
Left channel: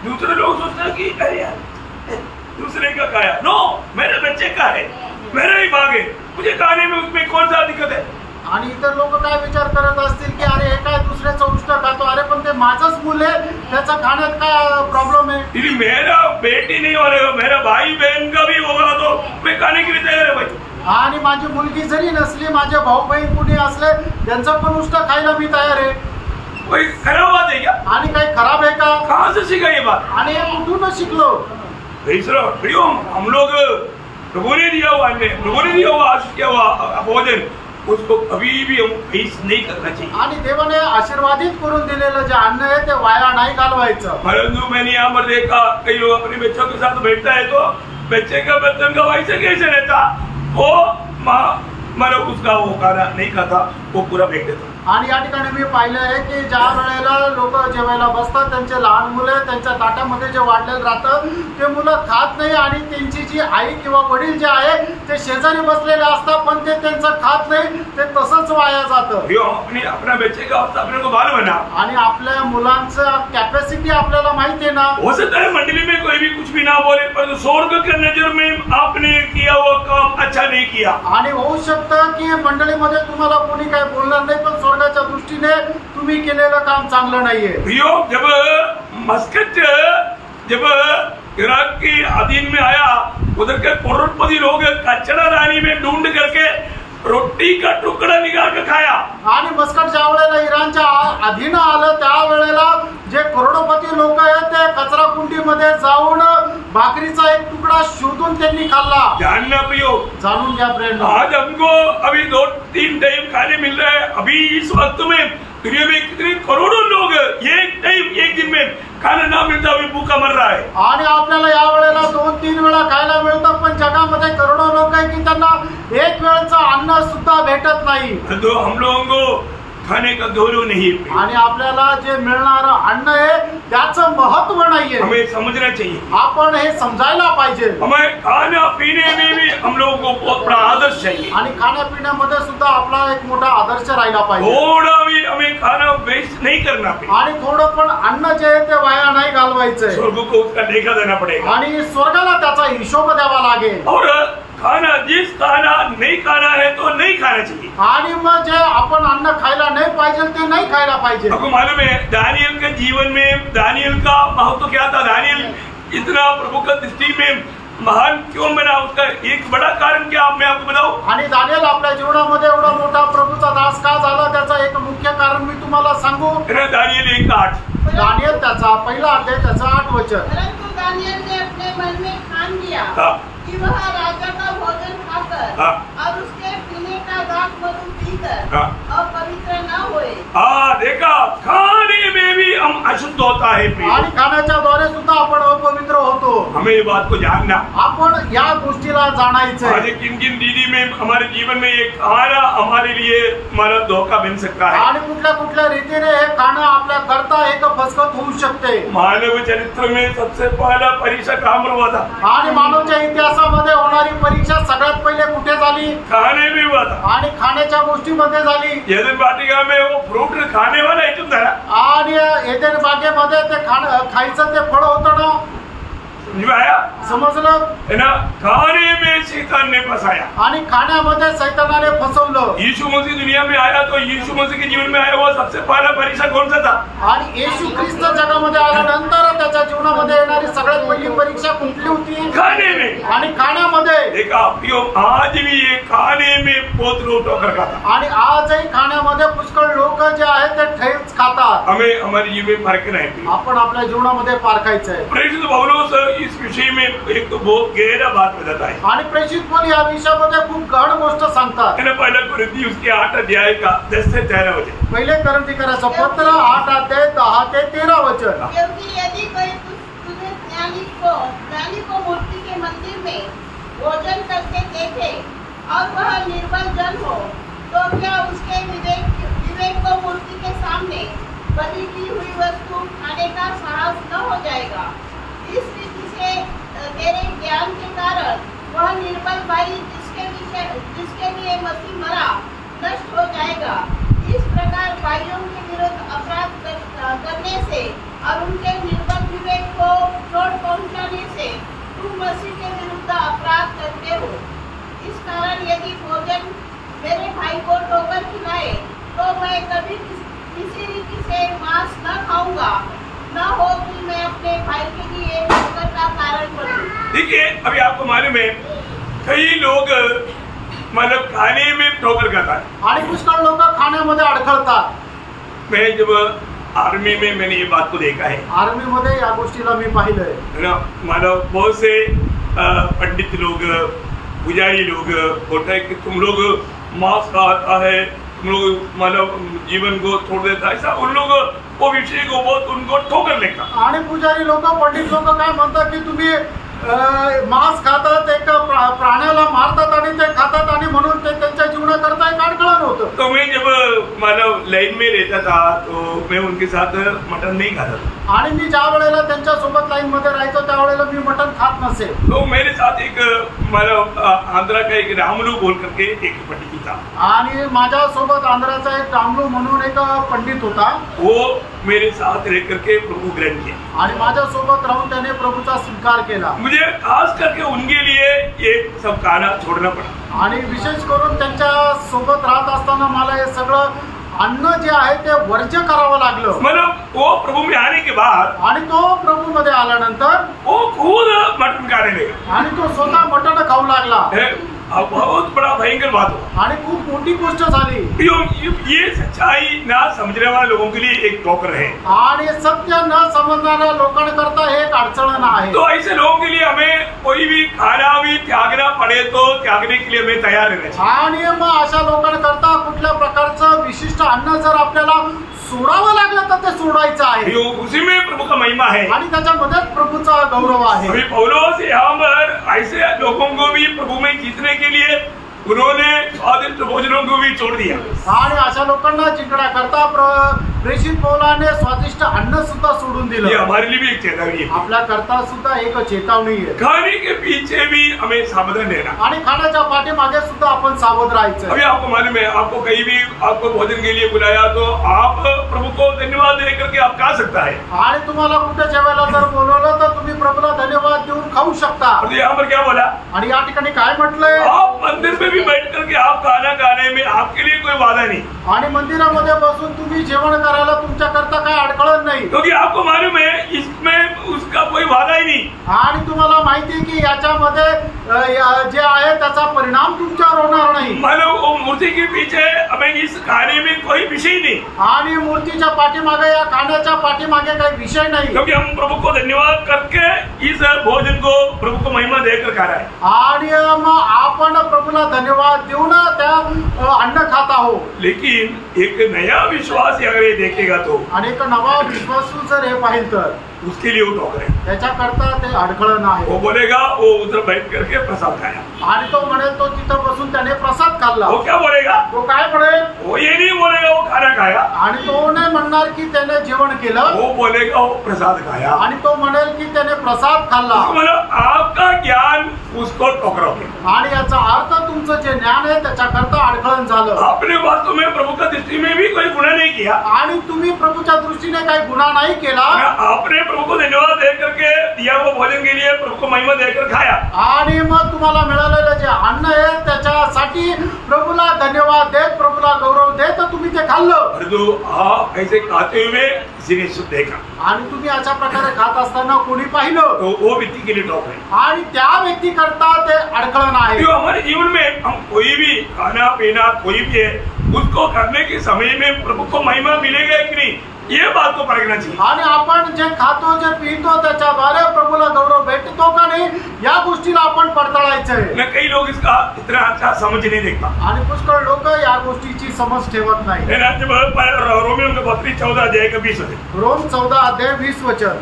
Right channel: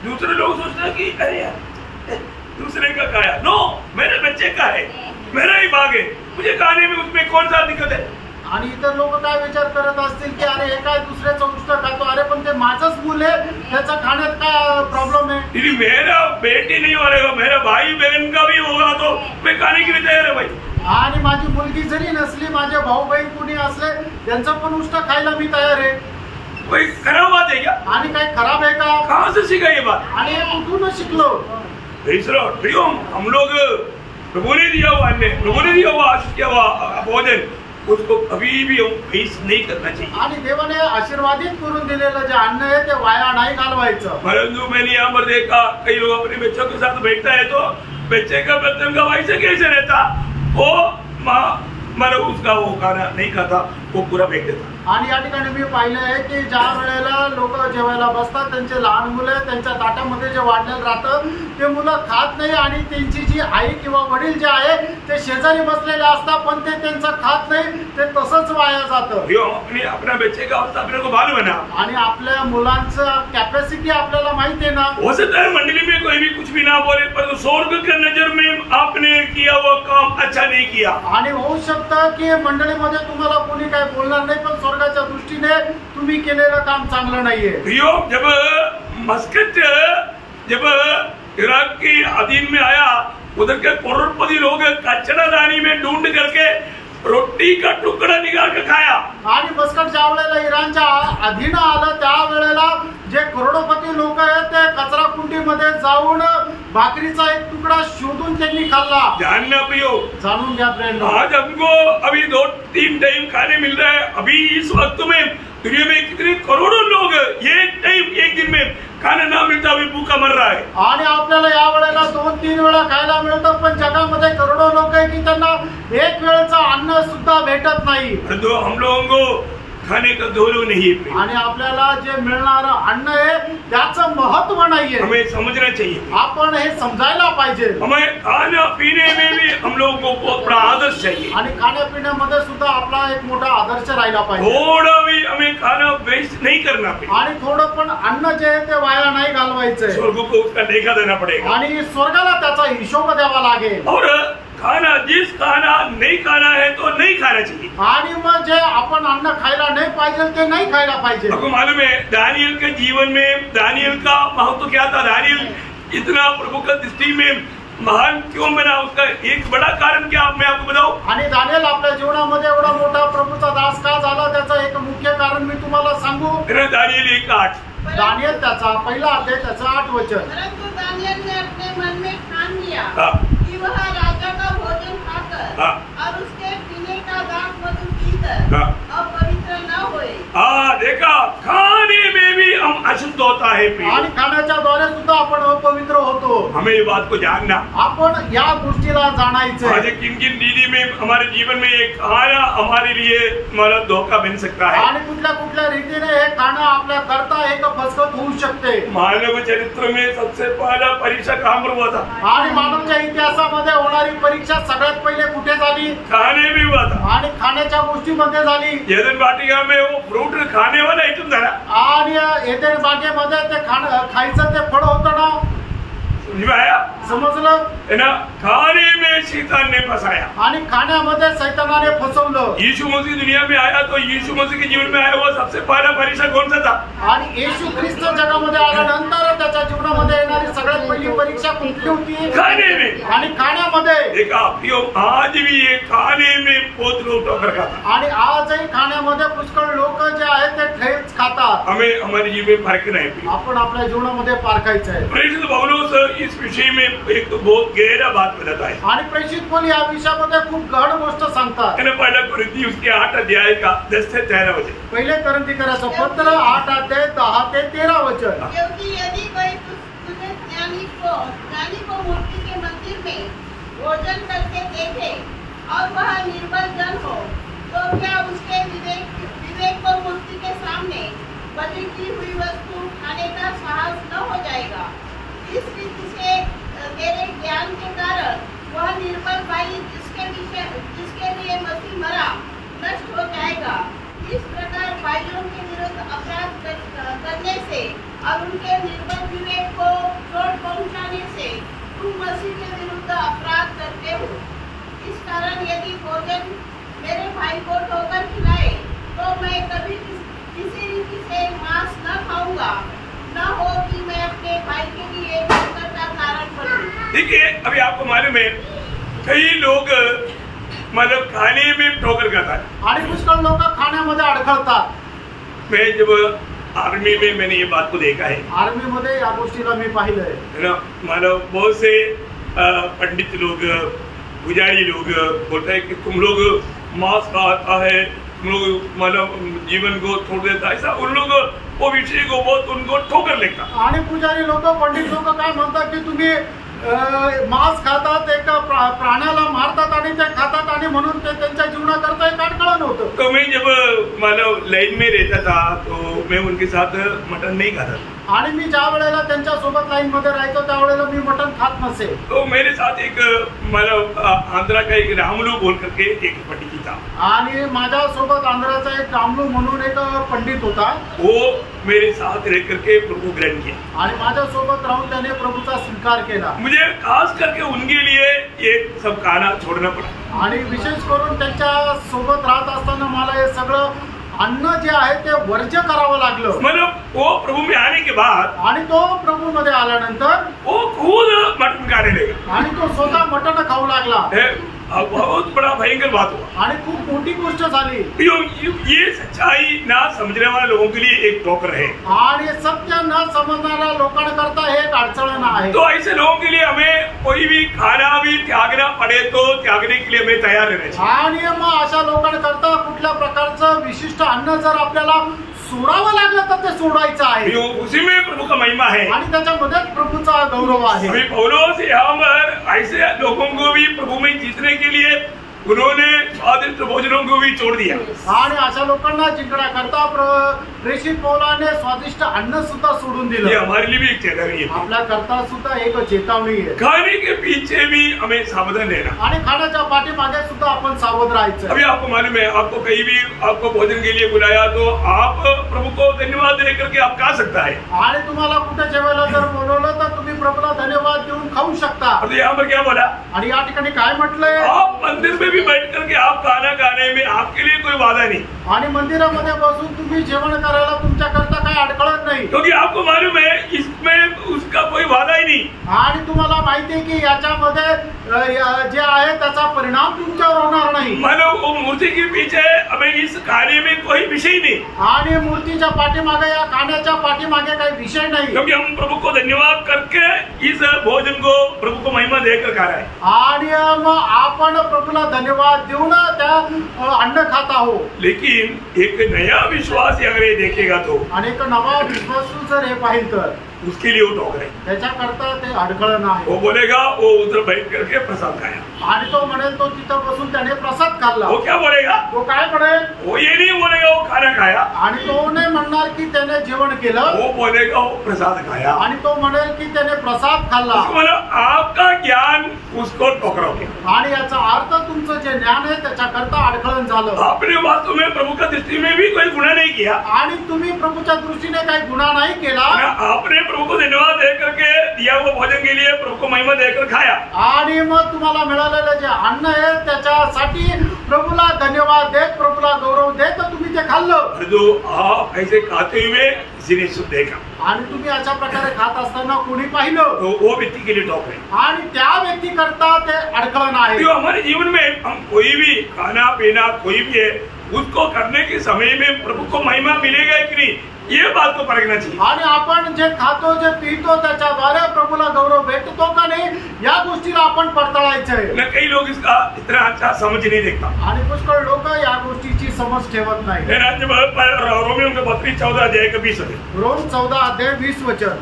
दूसरे लोग सोचते हैं कि अरे यार दूसरे का खाया, नो मेरे बच्चे का है, मेरा ही भाग है, मुझे खाने में उसमें कौन सा दिक्कत है. आणि इतर लोक काय विचार करत असतील की अरे हे काय दुसऱ्याचं उष्ट खातो, अरे पण ते माझंच मुल आहे, त्याचा खाण्यात काय प्रॉब्लेम है. यदि मेरा बेटी नहीं होगा, मेरा भाई बहन का भी होगा तो मैं खाने के लिए तैयार है भाई. आणि माझी मुलगी जरी नसली, माझे भाऊ बहीण कुणी असले, त्यांचं पण उष्ट खायला मी तयार आहे. कोई खराब बात है क्या? आणि काही खराब आहे का? कहाँ से सीखा ये बात? आणि कुठून शिकलो? हम लोग प्रभु ने दिया हुआ अन्न, प्रभु ने दिया हुआ आशीष किया हुआ भोजन, उसको कभी भी हम वेस्ट नहीं करना चाहिए. आणि देवाने आशीर्वादित करून दिलेलं जे अन्न आहे ते वाया नाही घालवायचं. परंतु मैंने यहाँ पर देखा कई लोग अपने बच्चों के साथ बैठता है तो बच्चे का बर्तन का वैसे कैसे रहता, वो मतलब उसका वो खाना नहीं खाता, वो पूरा फेंक देता. आणि या ठिकाणी मी पाहिलं आहे की ज्या वेळेला लोक जेवायला बसतात, त्यांचे लहान मुलं त्यांच्या ताटामध्ये जे वाढलेलं राहतं ते मुलं खात नाही आणि त्यांची जी आई किंवा वडील जे आहे ते शेजारी बसलेले असतात, पण ते त्यांचं खात नाही, ते तसंच वाया जातं. अपना बच्चे का अपने को मालूम है ना. आणि आपल्या मुलांचं कॅपॅसिटी आपल्याला माहिती आहे ना. हो सकता है मंडली में कोई भी कुछ भी ना बोले, पर स्वर्ग की नजर में आपने किया हुआ काम अच्छा नहीं किया. आणि होऊ शकतं की मंडळीमध्ये तुम्हाला कोणी काय बोलणार नाही, पण स्वर्गाच्या दृष्टीने तुम्ही केलेलं काम चांगलं नाहीये. जब मस्कट जब इराक के अधीन में आया, उधर के करोड़पति लोग कचरादानी में ढूंढ करके रोटी का तुकडा निकाल के खाया. आणि मस्कट ज्या वेळेला इराणच्या अधीन आलं त्यावेळेला जे करोडपती लोक आहेत ते कचरा कुंडीमध्ये जाऊन भाकरीचा एक तुकडा शोधून त्यांनी खाल्ला. जानना प्रियो, जाणून घ्या फ्रेंड, आज हमको अभी 2-3 टाइम खाने मिल रहा है. अभी इस वक्त में दुनिया में कितने करोड़ों लोग एक टाइम अभी एक दिन में खाना ना मिलता अभी भूखा मर रहा है। आणि आपल्याला या वेळेला 2-3 वेळा खायला मिळतं, पण जगामध्ये करोडो लोक आहे की त्यांना एक वेळचं अन्न सुद्धा भेटत नाही। तो हम लोगों को खाने का गौरव नहीं है आणि आपल्याला जे मिळणारं अन्न आहे त्याचं महत्व नाहीये, हमें समझना चाहिए। आपण हे समजायला पाहिजे। हमें खाना पीने में भी हम लोगों को बहुत बड़ा आदर्श चाहिए आणि खाण्यापिण्यामध्ये सुद्धा आपला एक मोठा आदर्श राहिला पाहिजे। थोड़ा भी हमें खाना वेस्ट नहीं करना पे आणि थोडं पण अन्न जे आहे ते वाया नाही घालवायचंय। स्वर्ग को उसका लेखा देना पड़ेगा आणि स्वर्गाला त्याचा हिशोब द्यावा लागेल। और खाना जिस खाना नहीं खाना है तो नहीं खाना चाहिए। आणि मग जे आपण अन्न खायला नाही पाहिजे ते नाही खायला पाहिजे। आपको मालूम है दानियल के जीवन में दानियल का महत्व क्या था? दानियल इतना प्रभु का दृष्टि में महान क्यों बना? उसका एक बड़ा कारण क्या मैं आपको बताऊं? आणि दानियल आपल्या जीवनामध्ये एवढा मोठा प्रभूचा दास का झाला त्याचं एक मुख्य कारण मी तुम्हाला सांगू। दानियल 1:8 दानियल त्याचा पहिला अध्याय त्याचा 8 वचन। परंतु दानियल ने अपने मन में ठान लिया कि वह राजा का भोजन खाकर और उसके पीने का दाख मधु पीकर अपवित्र न होए। देखा खाने में भी हम अशुद्ध होता है आणि खाण्याच्या द्वारे सुद्धा आपण अपवित्र होतो। हमें ये बात को जानना, आपण या गोष्टीला जाणायचं। आज किन किन दीदी में हमारे जीवन में एक खाना हमारे लिए हमारा धोखा बन सकता है आणि कुठल्या कुठल्या रीतीने हे खाणं आपल्या करता एक फसगत होऊ शकते। मानव चरित्र में सबसे पहला परीक्षा कहाँ पर हुआ था? आणि मानवच्या इतिहासामध्ये होणारी परीक्षा सगळ्यात पहिले कुठे झाली? खाने में हुआ था आणि खाण्याच्या गोष्टीमध्ये झाली। एदन वाटिका में वो फ्रूट खाने वाला आइटम था आणि एदेन बागेमध्ये ते खायचं ते फळ होतं ना, आया समजलं है ना? खाने में शैतान ने फंसाया आणि खाण्यामध्ये शैतानाने फसवलं। यीशु मसीह दुनिया में आया तो यीशु मसीह के जीवन में आया हुआ सबसे पहला परीक्षा कौन सा था? आणि येशू ख्रिस्त जगामध्ये आल्यानंतर त्याच्या जीवनामध्ये येणारी सगळ्यात पहिली परीक्षा कुठली होती? खाने में। आणि खाण्यामध्ये। देखा आज भी ये खाने में बहुत लोग ठोकर खाता आणि आजही खाण्यामध्ये पुष्कळ लोक जे आहेत ते ठेच खातात। हमें हमारे जीवन में फर्क नहीं। आपण आपल्या जीवनामध्ये पारखायचं आहे। प्रेषित पौलुस इस विषय में एक तो बहुत गहरा बात बताता है आणि प्रेषित पण या विषयामध्ये खूप गहन गोष्ट सांगतात। पहला कुरिन्थी उसके 8 अध्याय का 10 से 13 वचन। पहिले कोरिन्थीकराचं पत्र 8 अध्याय 10 ते 13 वचन। क्योंकि यदि कोई तुझे ज्ञानी को मूर्ति के मंदिर में भोजन करते देखे और वह निर्बल जन हो तो क्या उसके विवेक को मूर्ति के सामने बलि की हुई वस्तु खाने का साहस न हो जाएगा? इस रीति से तेरे ज्ञान के कारण वह निर्बल भाई जिसके लिए मसीह मरा नष्ट हो जाएगा। इस प्रकार भाइयों के विरुद्ध अपराध करने से और उनके निर्बल विवेक को चोट पहुंचाने से तुम मसीह के विरुद्ध अपराध करते हो। इस कारण यदि भोजन मेरे भाई को ठोकर खिलाए तो मैं कभी किसी रीति से मांस न खाऊंगा, न हो कि मैं अपने भाई के लिए ठोकर का कारण बनूं। ठीक है, अभी आपको मालूम है कई लोग मतलब खाने में ठोकर खाता है आणि पुष्कळ लोक खाण्यामध्ये अडखळतात। मैं जब आर्मी में मैंने ये बात को देखा है। आर्मी मध्ये या गोष्टीला मी पाहिलंय है ना? मानव बहुत से पंडित लोग पुजारी लोग बोलते हैं कि तुम लोग मांस खाता है, तुम लोग मानव जीवन को छोड़ देता है, ऐसा उन लोग वो विषय को बहुत उनको ठोकर लेता। आणि पुजारी लोक पंडित लोक काय म्हणतात की तुम्ही मांस खातात, एक प्राण्याला मारतात आणि ते खातात आणि म्हणून ते त्यांच्या जीवनाकरता एक अडखळण होतं। तो मैं जब मानव लाइन में रहता था तो मैं उनके साथ मटन नहीं खाता था। आणि मी ज्या वेळेला त्यांच्या सोबत लाईन मध्ये राहायचो त्यावेळेला मी मटण खात नसे। तो मेरे साथ एक मानव आंध्रा का एक रामलू बोल करके एक पंडित था। आणि माझ्या सोबत आंध्राचा एक रामलू म्हणून एक पंडित होता। वो मेरे साथ रह करके प्रभु ग्रहण किया आणि माझ्या सोबत राहून त्याने प्रभूचा स्वीकार केला। मुझे खास करके उनके लिए ये सब खाना छोड़ना पड़ा। आणि विशेष करून त्यांच्या सोबत राहत असताना मला हे सगळं अन्न जे आहे ते वर्ज्य करावं लागलं। मतलब वो प्रभु में आने के बाद आणि तो प्रभू मध्ये आल्यानंतर वो खुद मटन खाने लगा आणि तो स्वतः मटण खाऊ लागला। बहुत बड़ा भयंकर बात हुआ आणि खूप मोठी गोष्ट झाली। ये सच्चाई ना समझने वाले लोगों के लिए एक ठोकर है आणि सत्य न समजणाऱ्या लोकांकरता हे एक अडचण आहे। तो ऐसे लोगों के लिए हमें कोई भी खाना भी त्यागना पड़े तो त्यागने के लिए हमें तैयार रहना चाहिए। आणि मग अशा लोकांकरता कुठल्या प्रकारचं विशिष्ट अन्न जर आपल्याला सोडावं लागलं तर ते सोडायचं आहे उसी में प्रभु का महिमा है। आणि त्याच्यामध्येच प्रभूचा गौरव आहे। अभी पौलुस यहाँ पर ऐसे लोगों को भी प्रभु में जीतने के लिए उन्होंने स्वादिष्ट भोजनों को भी छोड़ दिया आणि अशा लोकांना जिंकण्याकरता प्रेषित पौलाने स्वादिष्ट अन्न सुद्धा सोडून ये दिलं। हमारे लिए भी एक चेतावनी है। आपल्या करता सुद्धा एक चेतावणी आहे खाने के पीछे भी हमें सावधान रहना। आणि खाण्याच्या पाठीमागे सुद्धा आपण सावध राहायचं। अभी आपको मालूम है, आपको कहीं भी आपको भोजन के लिए बुलाया तो आप प्रभु को धन्यवाद दे करके आप खा सकता है। आणि तुम्हाला कुठे जेवायला जर बोलवलं तर तुम्ही प्रभूला धन्यवाद देऊन खाऊ शकता। और यहाँ पर क्या बोला, आणि या ठिकाणी काय म्हटलंय, आप मंदिर में भी बैठ करके आप खाना खाने में आपके लिए कोई वादा नहीं, आणि मंदिरामध्ये बसून तुम्ही जेवण करायला तुमच्या करता काय अडखळत नाही, क्योंकि आपको मालूम है इसमें उसका कोई वादा ही नहीं। आणि तुम्हाला माहिती आहे की याच्यामध्ये जे आहे त्याचा परिणाम तुमच्यावर होणार नाही। मानो वो मूर्ति के पीछे हमें इस खाने में कोई विषय नहीं, आणि मूर्तीच्या पाठीमागे या खाण्याच्या पाठीमागे काही विषय नाही, क्योंकि हम प्रभु को धन्यवाद करके इस भोजन को प्रभु को महिमा देकर खा रहा है। आणि मग आपण प्रभूला धन्यवाद देऊन त्या अन्न खात आहोत। लेकिन एक नया विश्वास अगर ये देखेगा तो आणि एक नवा विश्वासू जर हे पाहिल तर उसके लिए वो टोक रहे, त्याच्याकरता ते अडखळण आहे। वो बोलेगा वो उधर बैठ करके प्रसाद खाया, आणि तो म्हणेल तो तिथं बसून त्याने प्रसाद खाल्ला। वो क्या बोलेगा, तो काय म्हणेल, वो ये नहीं बोलेगा वो खाना खाया, आणि तो नाही म्हणणार की त्याने जेवण केलं, वो बोलेगा वो प्रसाद खाया। आणि तो म्हणेल की त्याने प्रसाद खाल्ला। मतलब आपका ज्ञान उसको टोकरा गया, आणि याचा अर्थ तुमचं जे ज्ञान आहे त्याच्याकरता अडखळण झालं। आपने वास्तव में प्रभु का दृष्टि में भी कोई गुनाह नहीं किया, आणि तुम्ही प्रभूच्या दृष्टीने काही गुन्हा नाही केला, आपने प्रभु को धन्यवाद दे करके दिया हुआ भोजन के लिए प्रभु को महिमा देकर खाया, आणि मग तुम्हाला मिळालेलं जे अन्न आहे त्याच्यासाठी प्रभूला धन्यवाद देत, प्रभूला गौरव देत तुम्ही ते खाल्लं। जो आप ऐसे खाते हुए किसी ने सुन देखा, आणि तुम्ही अशा प्रकारे खात असताना कोणी पाहिलं तो वो व्यक्ति के लिए टोक रहे। आणि त्या व्यक्ती करता ते अडखळण आहे। जो हमारे जीवन में हम कोई भी खाना पीना कोई भी है उसको करने के समय में प्रभु को महिमा मिलेगा कि नहीं, ये बात को परखना चाहिए। आणि आपण जे खातो जे पितो त्याच्याद्वारे प्रभूला गौरव भेटतो का नाही या गोष्टीला आपण पडताळायचंय। न कई लोग इसका इतना अच्छा समझ नहीं देखता, आणि पुष्कळ लोक या गोष्टीची समज ठेवत नाही। रोमियो के पत्री 14 अध्याय का 20 वचन, रोम 14 अध्याय 20 वचन।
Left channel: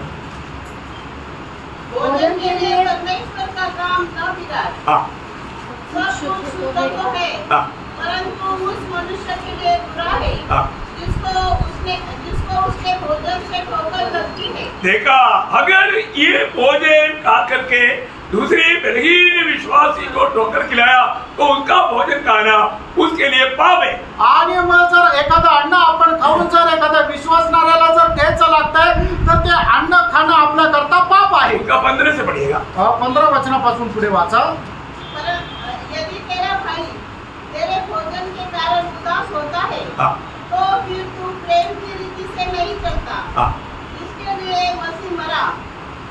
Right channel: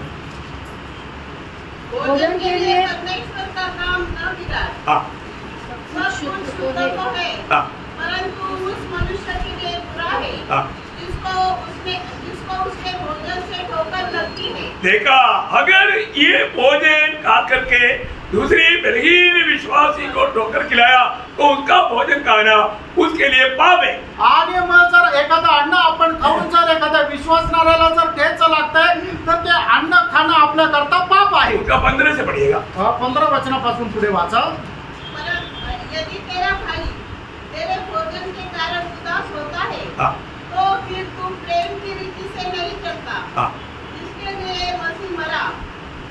भोजन के लिए परमेश्वर का काम न बिगाड़, हाँ सब कुछ शुद्ध तो है, हाँ परंतु उस मनुष्य के लिए बुरा है हाँ। जिसको उसके भोजन से ठोकर लगती है। देखा, अगर ये भोजन खा करके दूसरी बलहीन विश्वासी को ठोकर खिलाया तो उसका भोजन खाना उसके लिए पाप है। आणि मग जर एखादं अन्न आपण खाऊन जर एखाद्या विश्वासणाऱ्याला जर ठेच लागतंय तर ते अन्न खाणं आपल्या करता पाप आहे। उसका 15 से पढ़िएगा, 15 वचनापासून पुढे वाचा। यदि तेरा भाई तेरे भोजन के कारण उदास होता है तो फिर तू प्रेम की रीति से नहीं चलता, जिसके लिए मसीह मरा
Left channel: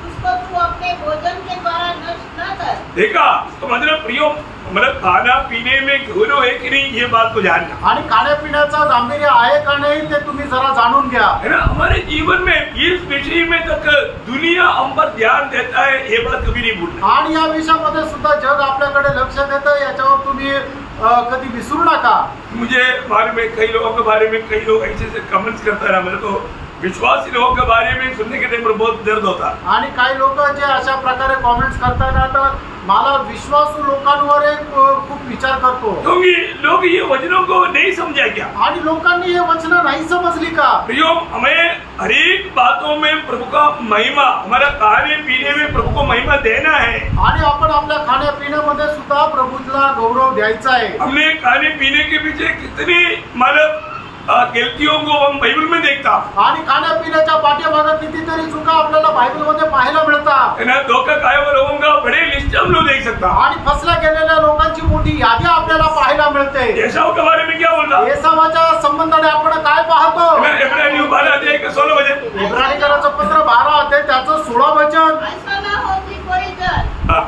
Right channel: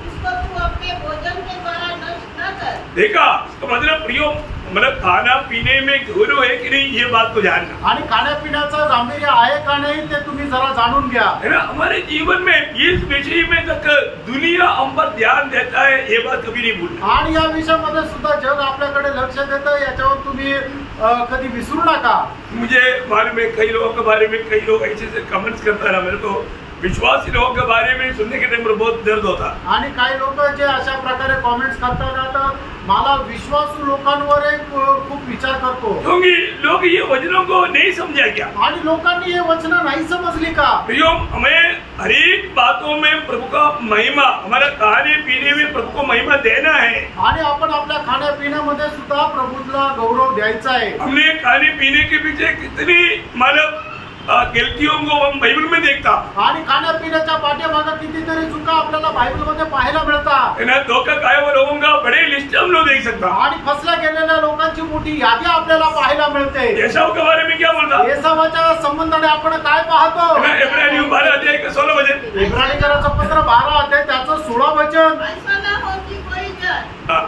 उसको तू अपने भोजन के द्वारा नष्ट न कर। देखा, तो मतलब प्रियो, मतलब खाना पीने में गौरव है कि नहीं ये बात को जानना, आणि खाण्यापिण्याचं गांभीर्य आहे का नाही ते तुम्ही जरा जाणून घ्या। है ना। हमारे जीवन में इस विषय में तक दुनिया हम पर ध्यान देता है, ये बात कभी नहीं भूलना। आणि या विषयामध्ये सुद्धा जग आपल्याकडे लक्ष देतं, याच्यावर तुम्ही कधी विसरू नका। मुझे बारे में कई लोगों के बारे में कई लोग ऐसे कमेंट्स करता रहा, मेरे को विश्वासी लोगों के बारे में सुनने के टाइम पर बहुत दर्द होता। आणि काही लोक जे अशा प्रकारे कॉमेंट्स करतात तर मला विश्वासू लोकांवर खूप विचार करतो, क्योंकि लोग ये वचनों को नहीं समझा क्या, आणि लोकांनी हे वचन नाही समजली का। प्रियो, हमें हर एक बातों में प्रभु का महिमा, हमारा खाने पीने में प्रभु को महिमा देना है, आणि आपण आपल्या खाण्यापिण्यामध्ये सुद्धा प्रभूला गौरव द्यायचा आहे। हमने खाने पीने के पीछे कितनी मतलब गलतियों को हम बाइबल में देखता, आणि खाण्यापिण्याच्या पाठीमागे कितीतरी चुका आपल्याला बायबलमध्ये पाहायला मिळतात। है ना। धोखा खाए हुए लोगों का बड़े लिस्ट हम लोग देख सकता, आणि फसल्या गेलेल्या लोकांची मोठी यादी आपल्याला पाहायला मिळते। एसाव के बारे में क्या बोलता, एसावाच्या संबंधाने आपण काय पाहतो, इब्रानियों 12 अध्याय का 16 वचन, इब्रानिकराचं पत्र 12 अध्याय त्याचं 16 वचन। ऐसा न हो कि कोई जन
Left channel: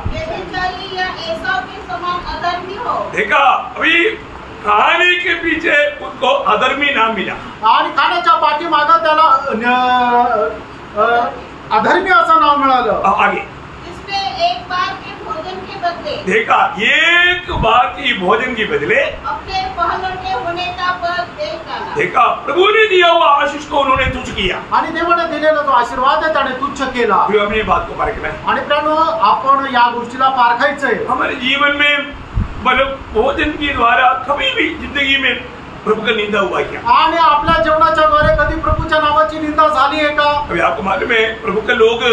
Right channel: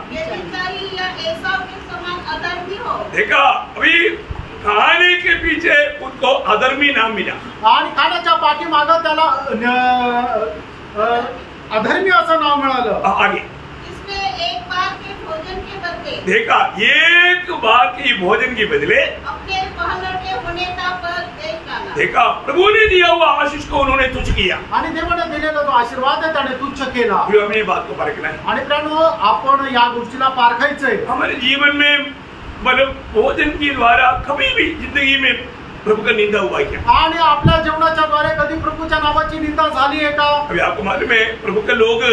व्यभिचारी या एसाव के समान अधर्मी हो। देखा, अभी खाने के पीछे उसको अधर्मी नाम मिला, आणि खाण्याच्या पाठीमागं त्याला अधर्मी असं नाव मिळालं। आगे इसमें एक बार के भोजन के बदले, देखा, एक बार की भोजन के बदले अपने पहलौठे होने का बल देख डाला। देखा, प्रभु ने दिया हुआ आशीष को उन्होंने तुच्छ किया आणि देवाने दिलेला जो आशीर्वाद आहे त्याने तुच्छ केला। फिर हमें ये बात को परखना है। आणि प्रियानो, आपण या गोष्टीला पारखायचंय। हमारे जीवन में मतलब भोजन के द्वारा कभी भी जिंदगी में प्रभु का निंदा हुआ क्या? आणि आपल्या जेवणाच्या द्वारे कधी प्रभूच्या नावाची निंदा झाली आहे का? अभी आपको मालूम है, प्रभु के लोग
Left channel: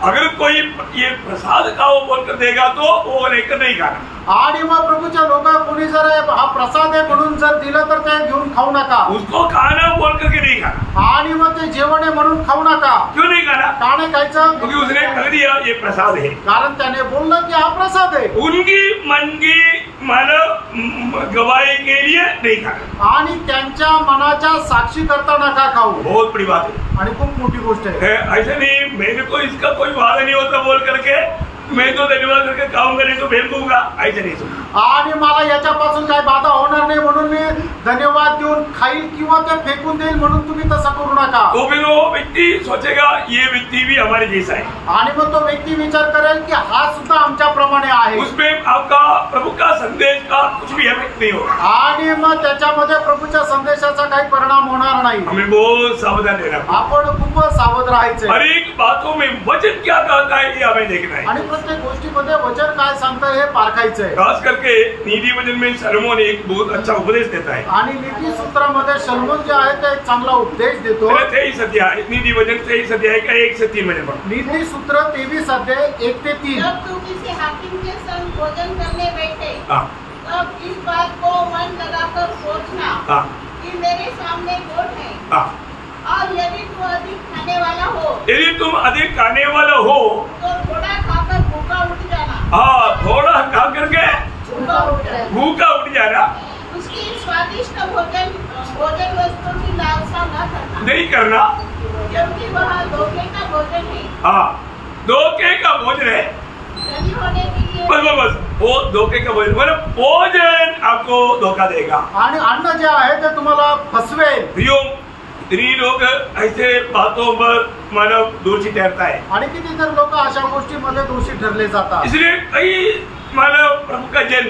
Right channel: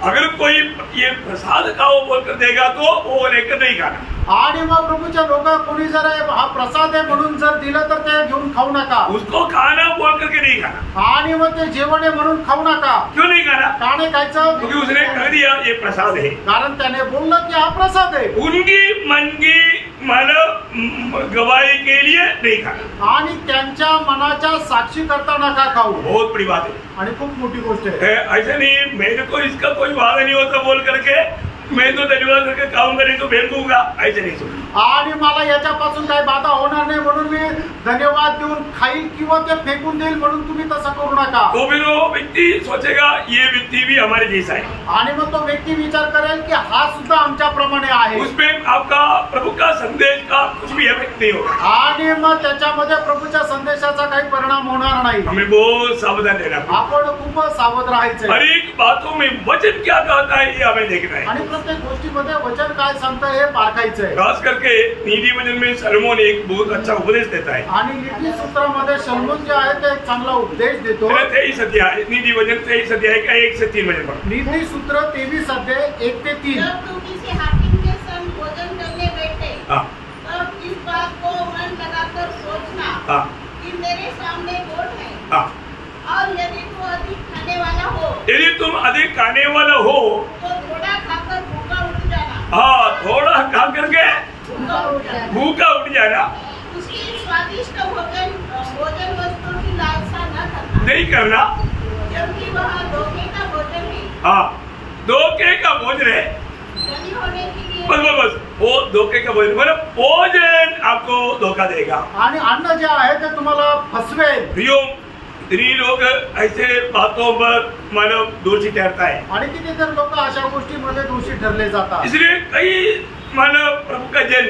अगर कोई ये प्रसाद खाओ बोलकर देगा तो वो लेकर नहीं खाना। आणि मग प्रभूच्या लोक कोणी जर हा प्रसाद आहे म्हणून जर दिलं तर ते घेऊन खाऊ नका। उसको खाना बोल करके नहीं खाना। आणि मग ते जेवण आहे म्हणून खाऊ नका। क्यों नहीं खाना? का नाही खायचं? क्योंकि उसने कह दिया ये प्रसाद है। कारण त्याने बोललं की हा प्रसाद आहे। उनकी मन की मानव गवाही के लिए नहीं खाना। आणि त्यांच्या मनाच्या साक्षी करता नका खाऊ। बहुत बड़ी बात है आणि खूप मोठी गोष्ट आहे। ऐसा नहीं मेरे को इसका कोई वादा नहीं होता बोल करके मैं तो धन्यवाद करके खाऊंगा नहीं तो फेंक दूंगा, ऐसे नहीं सुना। आणि मला याच्यापासून काही बाधा होणार नाही म्हणून मी धन्यवाद देऊन खाईल किंवा ते फेकून देईल म्हणून तुम्ही तसं करू नका। तो फिर वो व्यक्ति सोचेगा ये व्यक्ति भी हमारे जैसा है। आणि मग तो व्यक्ती विचार करेल की हा सुद्धा आमच्या प्रमाणे आहे। उसमें आपका प्रभु का संदेश का कुछ भी इफेक्ट नहीं होगा। आणि मग त्याच्यामध्ये प्रभूच्या संदेशाचा काही परिणाम होणार नाही। हमें बहुत सावधान रहना है। आपण खूप सावध राहायचं। हर एक बातों में वचन क्या कहता है ये हमें देखना है। आणि प्रत्येक गोष्टीमध्ये वचन काय सांगतं हे पारखायचं आहे। खास करके नीति वचन में सलोमन एक बहुत अच्छा उपदेश देता है। आणि नीती सूत्रामध्ये शलोमोन जे आहे ते एक चांगला उपदेश देतो। 23 अध्याय नीति वचन 23 अध्याय का 1 से 3 वचन पढ़ो। नीती सूत्र 23 अध्याय 1 से 3। जब तू किसी हाकिम के संग भोजन करने बैठे तब इस बात को मन लगाकर सोचना कि मेरे सामने गोट है और यदि तू अधिक खाने वाला हो, यदि तुम अधिक खाने वाला हो तो थोड़ा खाकर भूखा उठ जाना। हाँ, थोड़ा खा करके भूखा उठ जाना। उसकी स्वादिष्ट भोजन वस्तु की लालसा न करना, नहीं करना, क्योंकि वह धोखे का भोजन है। हाँ, धोखे का भोजन है। धनी होने के लिए बस वो धोखे का भोजन, मतलब भोजन आपको धोखा देगा। आणि अन्न जे आहे ते तुम्हाला फसवेल। प्रियो, इतनी लोग ऐसे बातों पर मानव दोषी ठहरता है। आणि कितीतरी लोक अशा गोष्टीमध्ये दोषी ठरले जातात। इसलिए कई मानव प्रभु का जन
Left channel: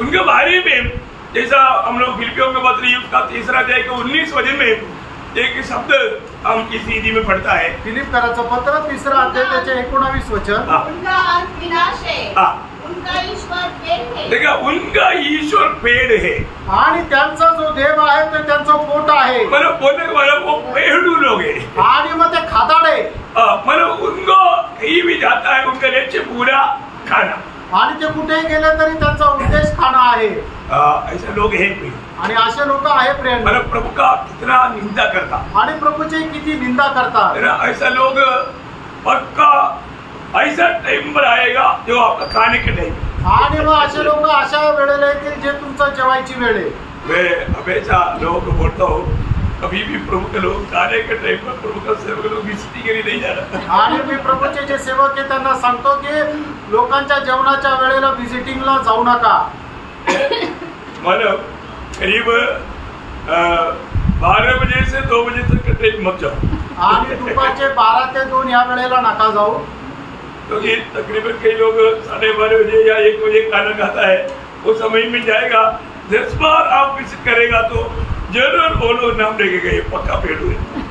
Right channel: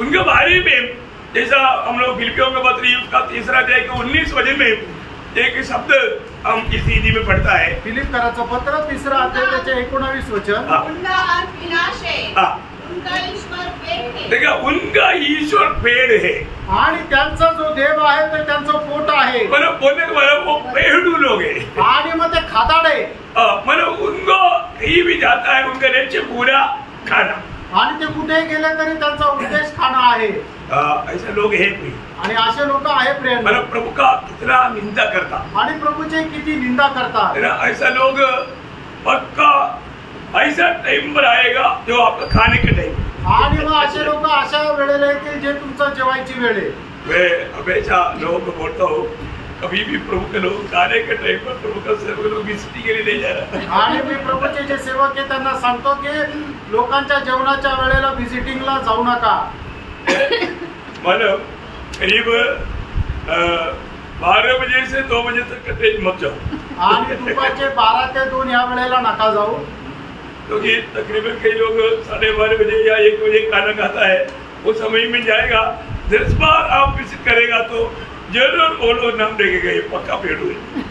उनके बारे में, जैसा हम लोग फिलिपियों के पत्र उसका 3 अध्याय के 19 वचन में एक शब्द हम इस हिंदी में पढ़ता है। फिलिपियोचं पत्र 3 अध्याय त्याचे 19 वचन। उनका अंत विनाश है, उनका ईश्वर पेड़ है। देखा, उनका ईश्वर पेड़ है। आणि त्यांचा जो देव आहे ते त्यांचं पोट आहे। मतलब बोलने का मतलब वो पेड़ू लोग है। आणि मग ते खादाडे, मतलब उनको कहीं भी जाता है उनका लक्ष्य पूरा खाना। आणि ते कुठेही गेले तरी त्यांचा उद्देश खाणं आहे। ऐसे लोग हैं कोई, आणि असे लोक आहे प्रेम, मतलब प्रभु का कितना निंदा करता, आणि प्रभूची किती निंदा करतात। ऐसा लोग पक्का ऐसा टाइम पर आएगा जो आपका खाने के टाइम। आणि मग असे लोक अशा वेळेला येतील जे तुमचं जेवायची वेळ आहे। मैं हमेशा लोगों को बोलता हूँ, कभी भी प्रभु के लोग खाने के टाइम पर प्रभु का सेवक लोग विजिटिंग के लिए नहीं जा रहा। आणि मी प्रभूचे जे सेवक आहे त्यांना सांगतो की लोकांच्या जेवणाच्या वेळेला व्हिजिटिंगला जाऊ नका। मतलब करीब 12 बजे से 2 बजे तक कहीं मत जाओ। आणि दुपारचे 12 ते 2 या वेळेला नका जाऊ। क्योंकि तकरीबन कई लोग 12:30 बजे या 1 बजे खाना खाता है, वो समय में जाएगा। 10 बार आप विजिट करेगा तो जरूर वो लोग नाम लेके गए पक्का पेड़ू है।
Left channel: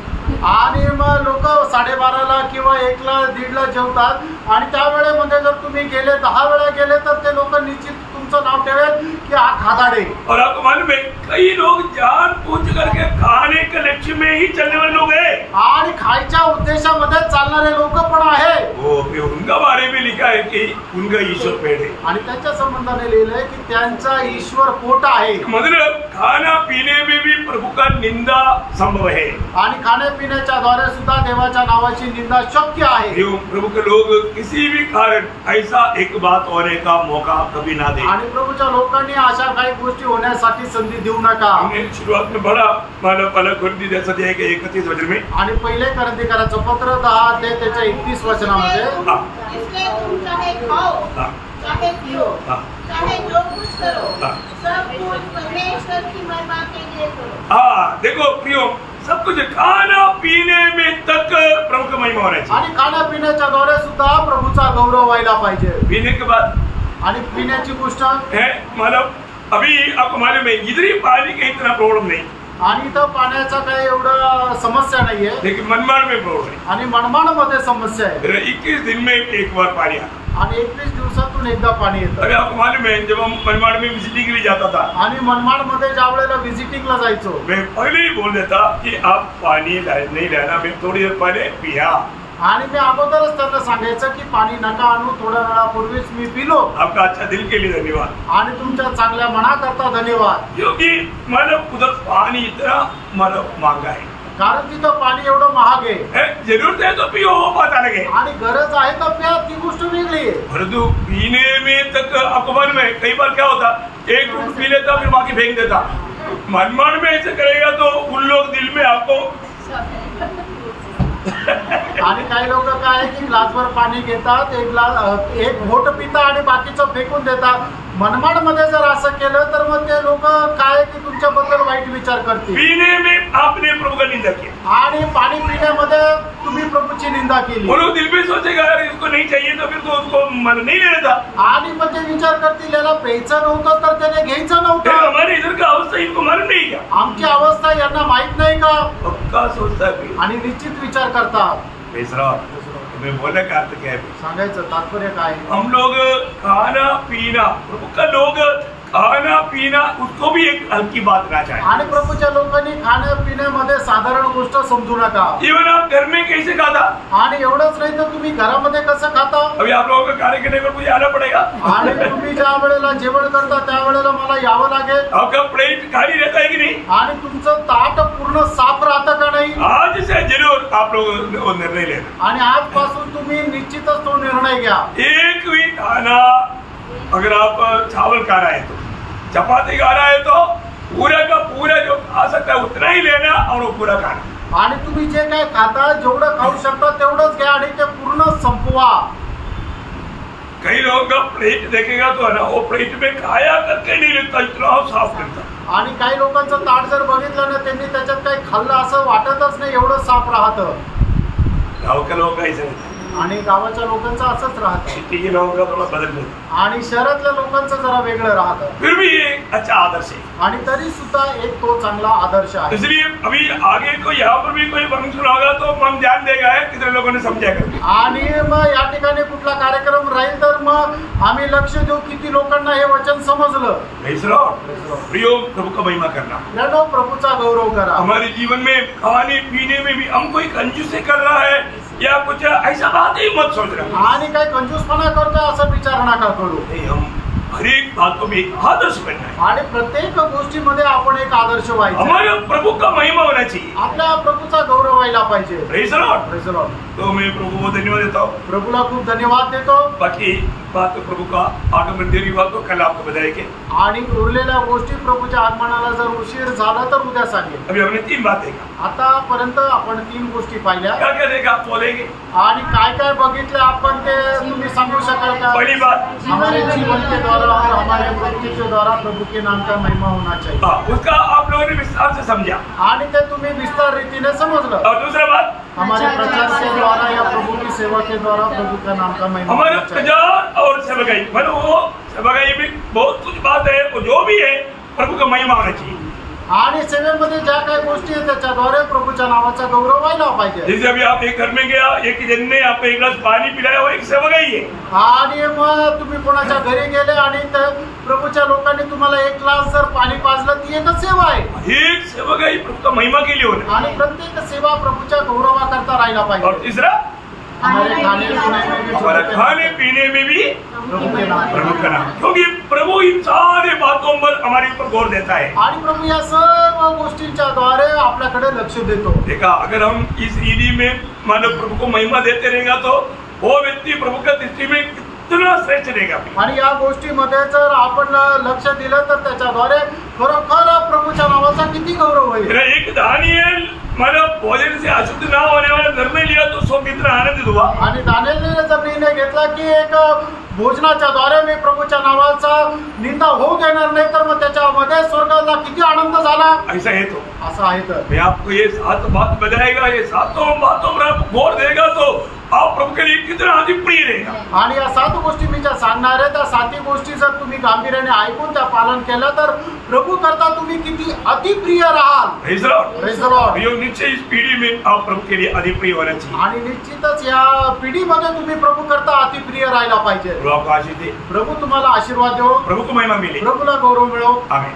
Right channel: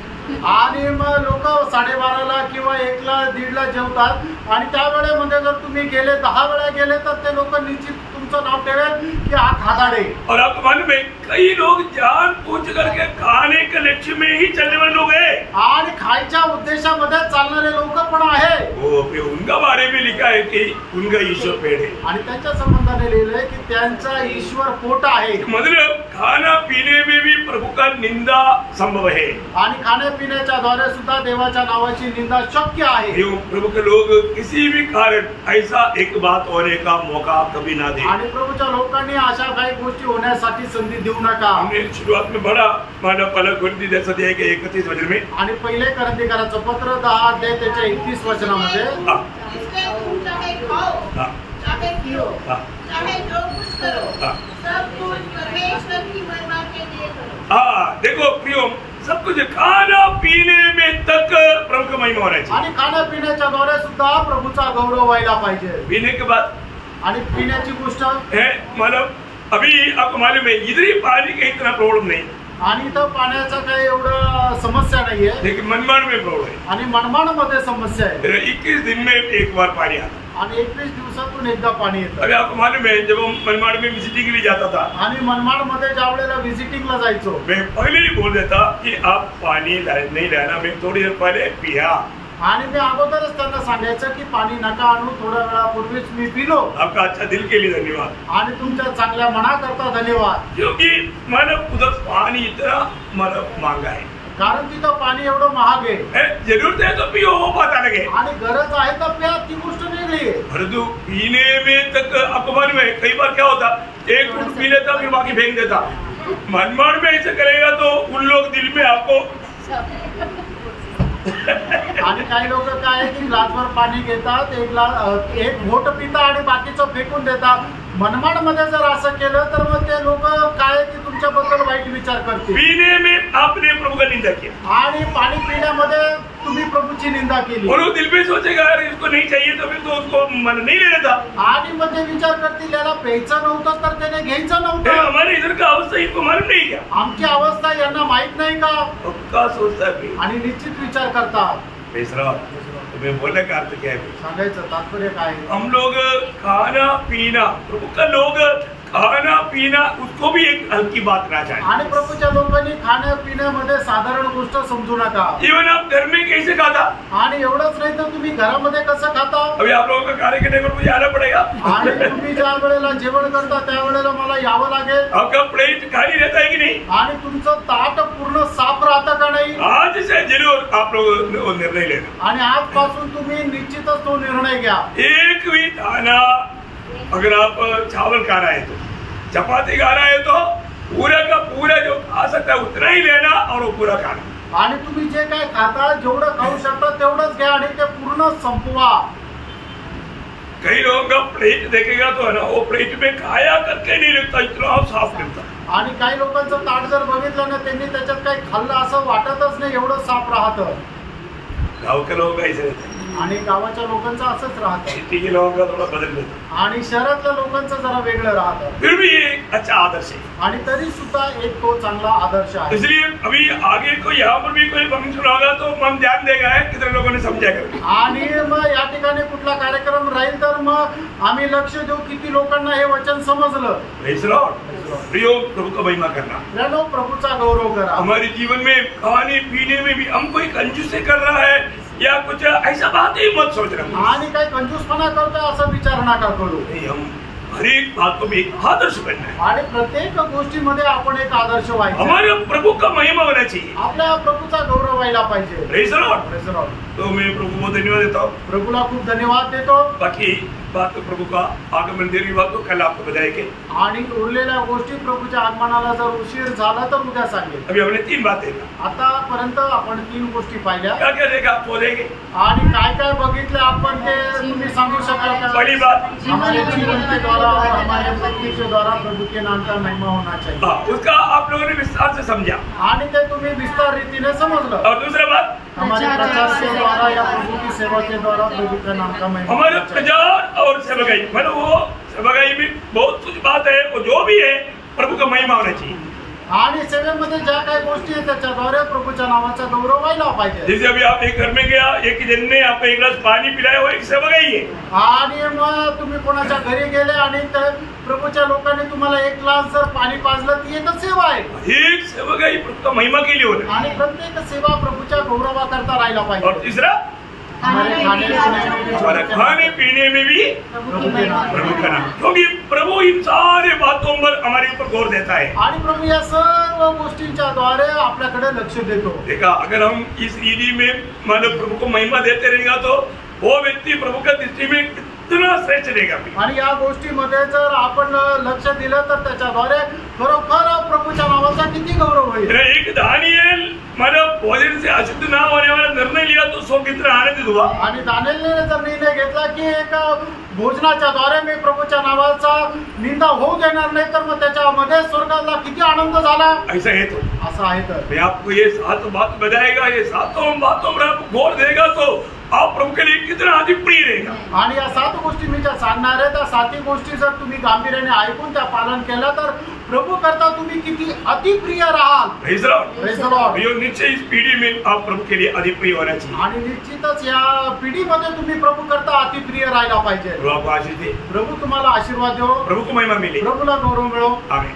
आणि मग लोक 12:30ला किंवा 1ला 1:30ला जेवतात आणि त्या वेळेमध्ये जर तुम्ही गेले 10 वेळा गेले तर ते लोक निश्चित तुमचं नाव ठेवेल की हा खादाडे। और आपको मालूम है कई लोग जान पूछ करके खाने के लक्ष्य में ही चलने वाले लोग हैं आणि खायच्या उद्देशामध्ये चालणारे लोक पण आहे। वो उनका बारे में लिखा है कि उनका ईश्वर पेड़ है। आणि त्याच्या संबंधाने लिहिलंय की त्यांचा ईश्वर पोट आहे। मतलब खाना पीने में भी प्रभु का निंदा संभव है। आणि खाण्यापिण्याच्या द्वारे सुद्धा देवाच्या नावाची निंदा शक्य आहे। प्रभु के लोग किसी भी कारण ऐसा एक बात होने का मौका कभी ना दे। आणि प्रभूच्या लोकांनी अशा काही गोष्टी होण्यासाठी संधी देऊ नका। हमने शुरुआत में बड़ा मानव पलक कोरिन्थी 10 अध्याय के 31 वचन में, आणि पहिले कोरिन्थीकरांचं पत्र 10 अध्याय त्याच्या 31 वचनामध्ये, इसलिए तुम चाहे खाओ चाहे पियो चाहे जो कुछ करो सब कुछ परमेश्वर की महिमा के लिए करो। देखो प्रियो, सब कुछ खाना पीने में तक प्रभु का महिमा होना चाहिए। आणि खाण्यापिण्याच्या द्वारे सुद्धा प्रभूचा गौरव व्हायला पाहिजे। पीने के बाद आणि पिण्याची गोष्ट है मतलब अभी आपको मालूम है इधर ही पानी का इतना प्रॉब्लम नहीं, आणि इथं पाण्याचा काही एवढं समस्या नाहीये, लेकिन मनमाड में प्रॉब्लम है। आणि मनमाडमध्ये समस्या आहे 21 दिन में एक बार पानी आता, आणि 21 दिवसातून एकदा पाणी येतं। अभी आपको मालूम है जब हम मनमाड़ में विजिटिंग के लिए जाता था, आणि मनमाडमध्ये ज्या वेळेला व्हिजिटिंगला जायचो, मैं पहले ही बोल देता कि आप पानी नहीं लाना, मैं थोड़ी देर पहले पिया, आणि मी अगोदरच त्यांना सांगायचं की पाणी नका आणू, थोड्या वेळापूर्वीच मी पिलो। आपका अच्छा दिल के लिए धन्यवाद, आणि तुमच्या चांगल्या मनाकरता धन्यवाद, क्योंकि मानव उधर पानी इतना मानव महंगा है, कारण तिथं पाणी एवढं महाग आहे। जरूरत है तो पियो, वो बात अलग है, आणि गरज आहे तर प्या, ती गोष्ट वेगळी आहे। परंतु पीने में तक आपको मालूम है कई बार क्या होता, एक घूंट पी लेता फिर बाकी फेंक देता। मनमाड़ में ऐसे करेगा तो उन लोग दिल में आपको आणि काही लोक काय आहे की ग्लासभर पाणी घेतात, एक घोट पितात आणि बाकीचं फेकून देतात। मनमाडमध्ये जर असं केलं तर मग ते लोक काय की तुमच्याबद्दल वाईट विचार करतील। पीने में आपने प्रभु का निंदा किया आणि पाणी पिण्यामध्ये तुम्ही प्रभूची निंदा केली, और वो दिल में सोचेगा अगर इसको नहीं चाहिए तो फिर तो उसको मन नहीं लेना था। आणि मग ते विचार करतील याला प्यायचं नव्हतं तर त्याने घ्यायचं ये नव्हतं। हमारे इधर का अवस्था इनको मालूम नहीं क्या, आमची अवस्था यांना माहित नाही का, पक्का सोचता है भाई। आणि निश्चित विचार करतात। बेसरा तुम्हें बोलने का अर्थ क्या है भाई? सांगायचं तात्पर्य काय आहे? हम लोग खाना पीना, प्रभु का लोग खाना पीना उसको भी एक हल्की बात ना चाहे, आणि प्रभूच्या लोकांनी खाण्यापिण्यामध्ये साधारण गोष्ट समजू नका। इवन आप घर में कैसे खाता, आणि एवढंच नाही तर तुम्ही घरामध्ये कसं खाता। अभी आप लोगों का कार्य करने पर मुझे आना पड़ेगा, आणि तुम्ही ज्या वेळेला जेवण करता त्या वेळेला मला यावं लागेल। आपका प्लेट खाली रहता है कि नहीं? आणि तुमचं ताट पूर्ण साफ राहतं का नाही? आज से जरूर आप लोग वो निर्णय लेना, आणि आजपासून तुम्ही निश्चितच तो निर्णय घ्या। एक भी खाना अगर आप चावल खा रहा है तो, चपाती खा रहा है तो पूरा का पूरा जो खा सकता है उतना ही लेना और वो पूरा खाना। आणि तुम्ही जे काय खाता जेवढं खाऊ शकता तेवढंच घ्या आणि ते पूर्ण संपवा। कई लोगों का प्लेट देखेगा तो है ना, वो प्लेट में खाया करके नहीं लगता, इतना साफ लगता। आणि काही लोकांचं ताट जर बघितलं ना त्यांनी त्याच्यात काही खाल्लं असं वाटतच नाही, एवढं साफ राहतं। गाँव के लोग ऐसे रहते हैं, आणि गावाच्या लोकांचं असंच राहतं, सिटी के लोगों का थोड़ा बदल जाता, आणि शहरातल्या लोकांचं जरा वेगळं राहतं। फिर भी ये एक अच्छा आदर्श है। आणि तरी सुद्धा एक तो चांगला आदर्श आहे। इसलिए अभी आगे को यहाँ पर भी कोई फंक्शन होगा तो मन ध्यान देगा है कितने लोगों ने समझा करके, आणि मग या ठिकाणी कुठला कार्यक्रम राहील तर मग आम्ही लक्ष देऊ किती लोकांना हे वचन समजलं। Praise Lord. प्रियो, प्रभु का महिमा करना, यानो प्रभूचा गौरव करा। हमारे जीवन में खाने पीने में भी हम कोई कंजूसी कर रहा है या कुछ ऐसा बात ही मत सोच रहा, आणि काही कंजूसपणा करतोय असं विचार नका करू। नहीं, हम हर एक बातों में एक आदर्श बनना है, आणि प्रत्येक गोष्टीमध्ये आपण एक आदर्श व्हायचा, हमारे प्रभु का महिमा होना चाहिए, आपल्या प्रभूचा गौरव व्हायला पाहिजे। Praise Lord. Praise Lord. तो मैं प्रभु को धन्यवाद देता हूँ। प्रभूला खूप धन्यवाद देतो। बाकी बात तो प्रभु का आगमन देरी बात तो कल आपको बताएंगे, आणि उरलेल्या गोष्टी प्रभूच्या आगमनाला जर उशीर झाला तर उद्या सांगेल। अभी हमने 3 बातें कहा, आतापर्यंत आपण 3 गोष्टी पाहिल्या, क्या क्या देखा आप बोलेंगे? आणि काय काय बघितलं आपण ते तुम्ही सांगू शकाल का? पहली बात, हमारे जीवन के द्वारा और हमारे मृत्यु के द्वारा प्रभु के नाम का महिमा होना चाहिए। हाँ, उसका आप लोगों ने विस्तार से समझा। आणि ते तुम्ही विस्तार रीतीने समजलं। और दूसरा बात, हमारे प्रचार के द्वारा या प्रभु की सेवा के द्वारा प्रभु का नाम का महिमा हमारे होना चाहिए। प्रचार और सेवकाई, मतलब वो सेवकाई में बहुत कुछ बात है, वो जो भी है प्रभु का महिमा होना चाहिए। आणि सेवेमध्ये ज्या काही गोष्टी आहेत त्याच्याद्वारे प्रभूच्या नावाचा गौरव व्हायला पाहिजे। जैसे अभी आप एक घर में गया, एक जन ने आपको एक गिलास पानी पिलाया, वो एक सेवकाई है। आणि मग तुम्ही कोणाच्या घरी गेले आणि प्रभूच्या लोकांनी तुम्हाला एक ग्लास जर पाणी पाजलं ती एकच सेवा आहे। एक सेवकाई प्रभु का महिमा के लिए होना, आणि प्रत्येक सेवा प्रभूच्या गौरवाकरता राहायला और पाहिजे। तीसरा हमारे खाने पीने में भी हमारा खाने पीने में भी प्रभु के नाम प्रभु का नाम, क्योंकि प्रभु इन सारे बातों पर हमारे ऊपर गौर देता है। आणि प्रभू या सर्व गोष्टींच्या द्वारे आपल्याकडे लक्ष देतो। देखा, अगर हम इस रीति में मानव प्रभु को महिमा देते रहेगा तो वो व्यक्ति प्रभु का दृष्टि में कितना श्रेष्ठ रहेगा। आणि या गोष्टीमध्ये जर आपण लक्ष दिलं तर त्याच्याद्वारे खरोखर प्रभूच्या नावाचा किती गौरव होईल। मेरा एक दानिएल मानव भोजन से अशुद्ध ना होने वाला निर्णय लिया तो स्वर्ग इतना आनंदित हुआ। आणि दानिएलने जर निर्णय घेतला की एक भोजनाच्या द्वारे मी प्रभूच्या नावाचा निंदा होऊ देणार नाही तर मग त्याच्यामध्ये स्वर्गाला किती आनंद झाला। ऐसा है तो असं आहे तर मैं आपको ये 7 बात बताएगा, ये 7 बातों पर आप गौर देगा तो आप प्रभु के लिए कितना अधिक प्रिय रहेगा। आणि या 7 गोष्टी मी ज्या सांगणार आहे त्या 7 गोष्टी जर तुम्ही गांभीर्याने ऐकून त्या पालन केलं तर प्रभू करता तुम्ही किती अतिप्रिय राहाल। Praise the Lord. Praise the Lord. यो निश्चय इस पीढ़ी में आप प्रभु के लिए अधिक प्रिय होना चाहिए। आणि निश्चितच या पिढीमध्ये तुम्ही प्रभू करता अतिप्रिय राहायला पाहिजे। प्रभु आपको आशीष दे, प्रभू तुम्हाला आशीर्वाद देवो, प्रभु को महिमा मिले, प्रभूला गौरव मिळो। आमेन।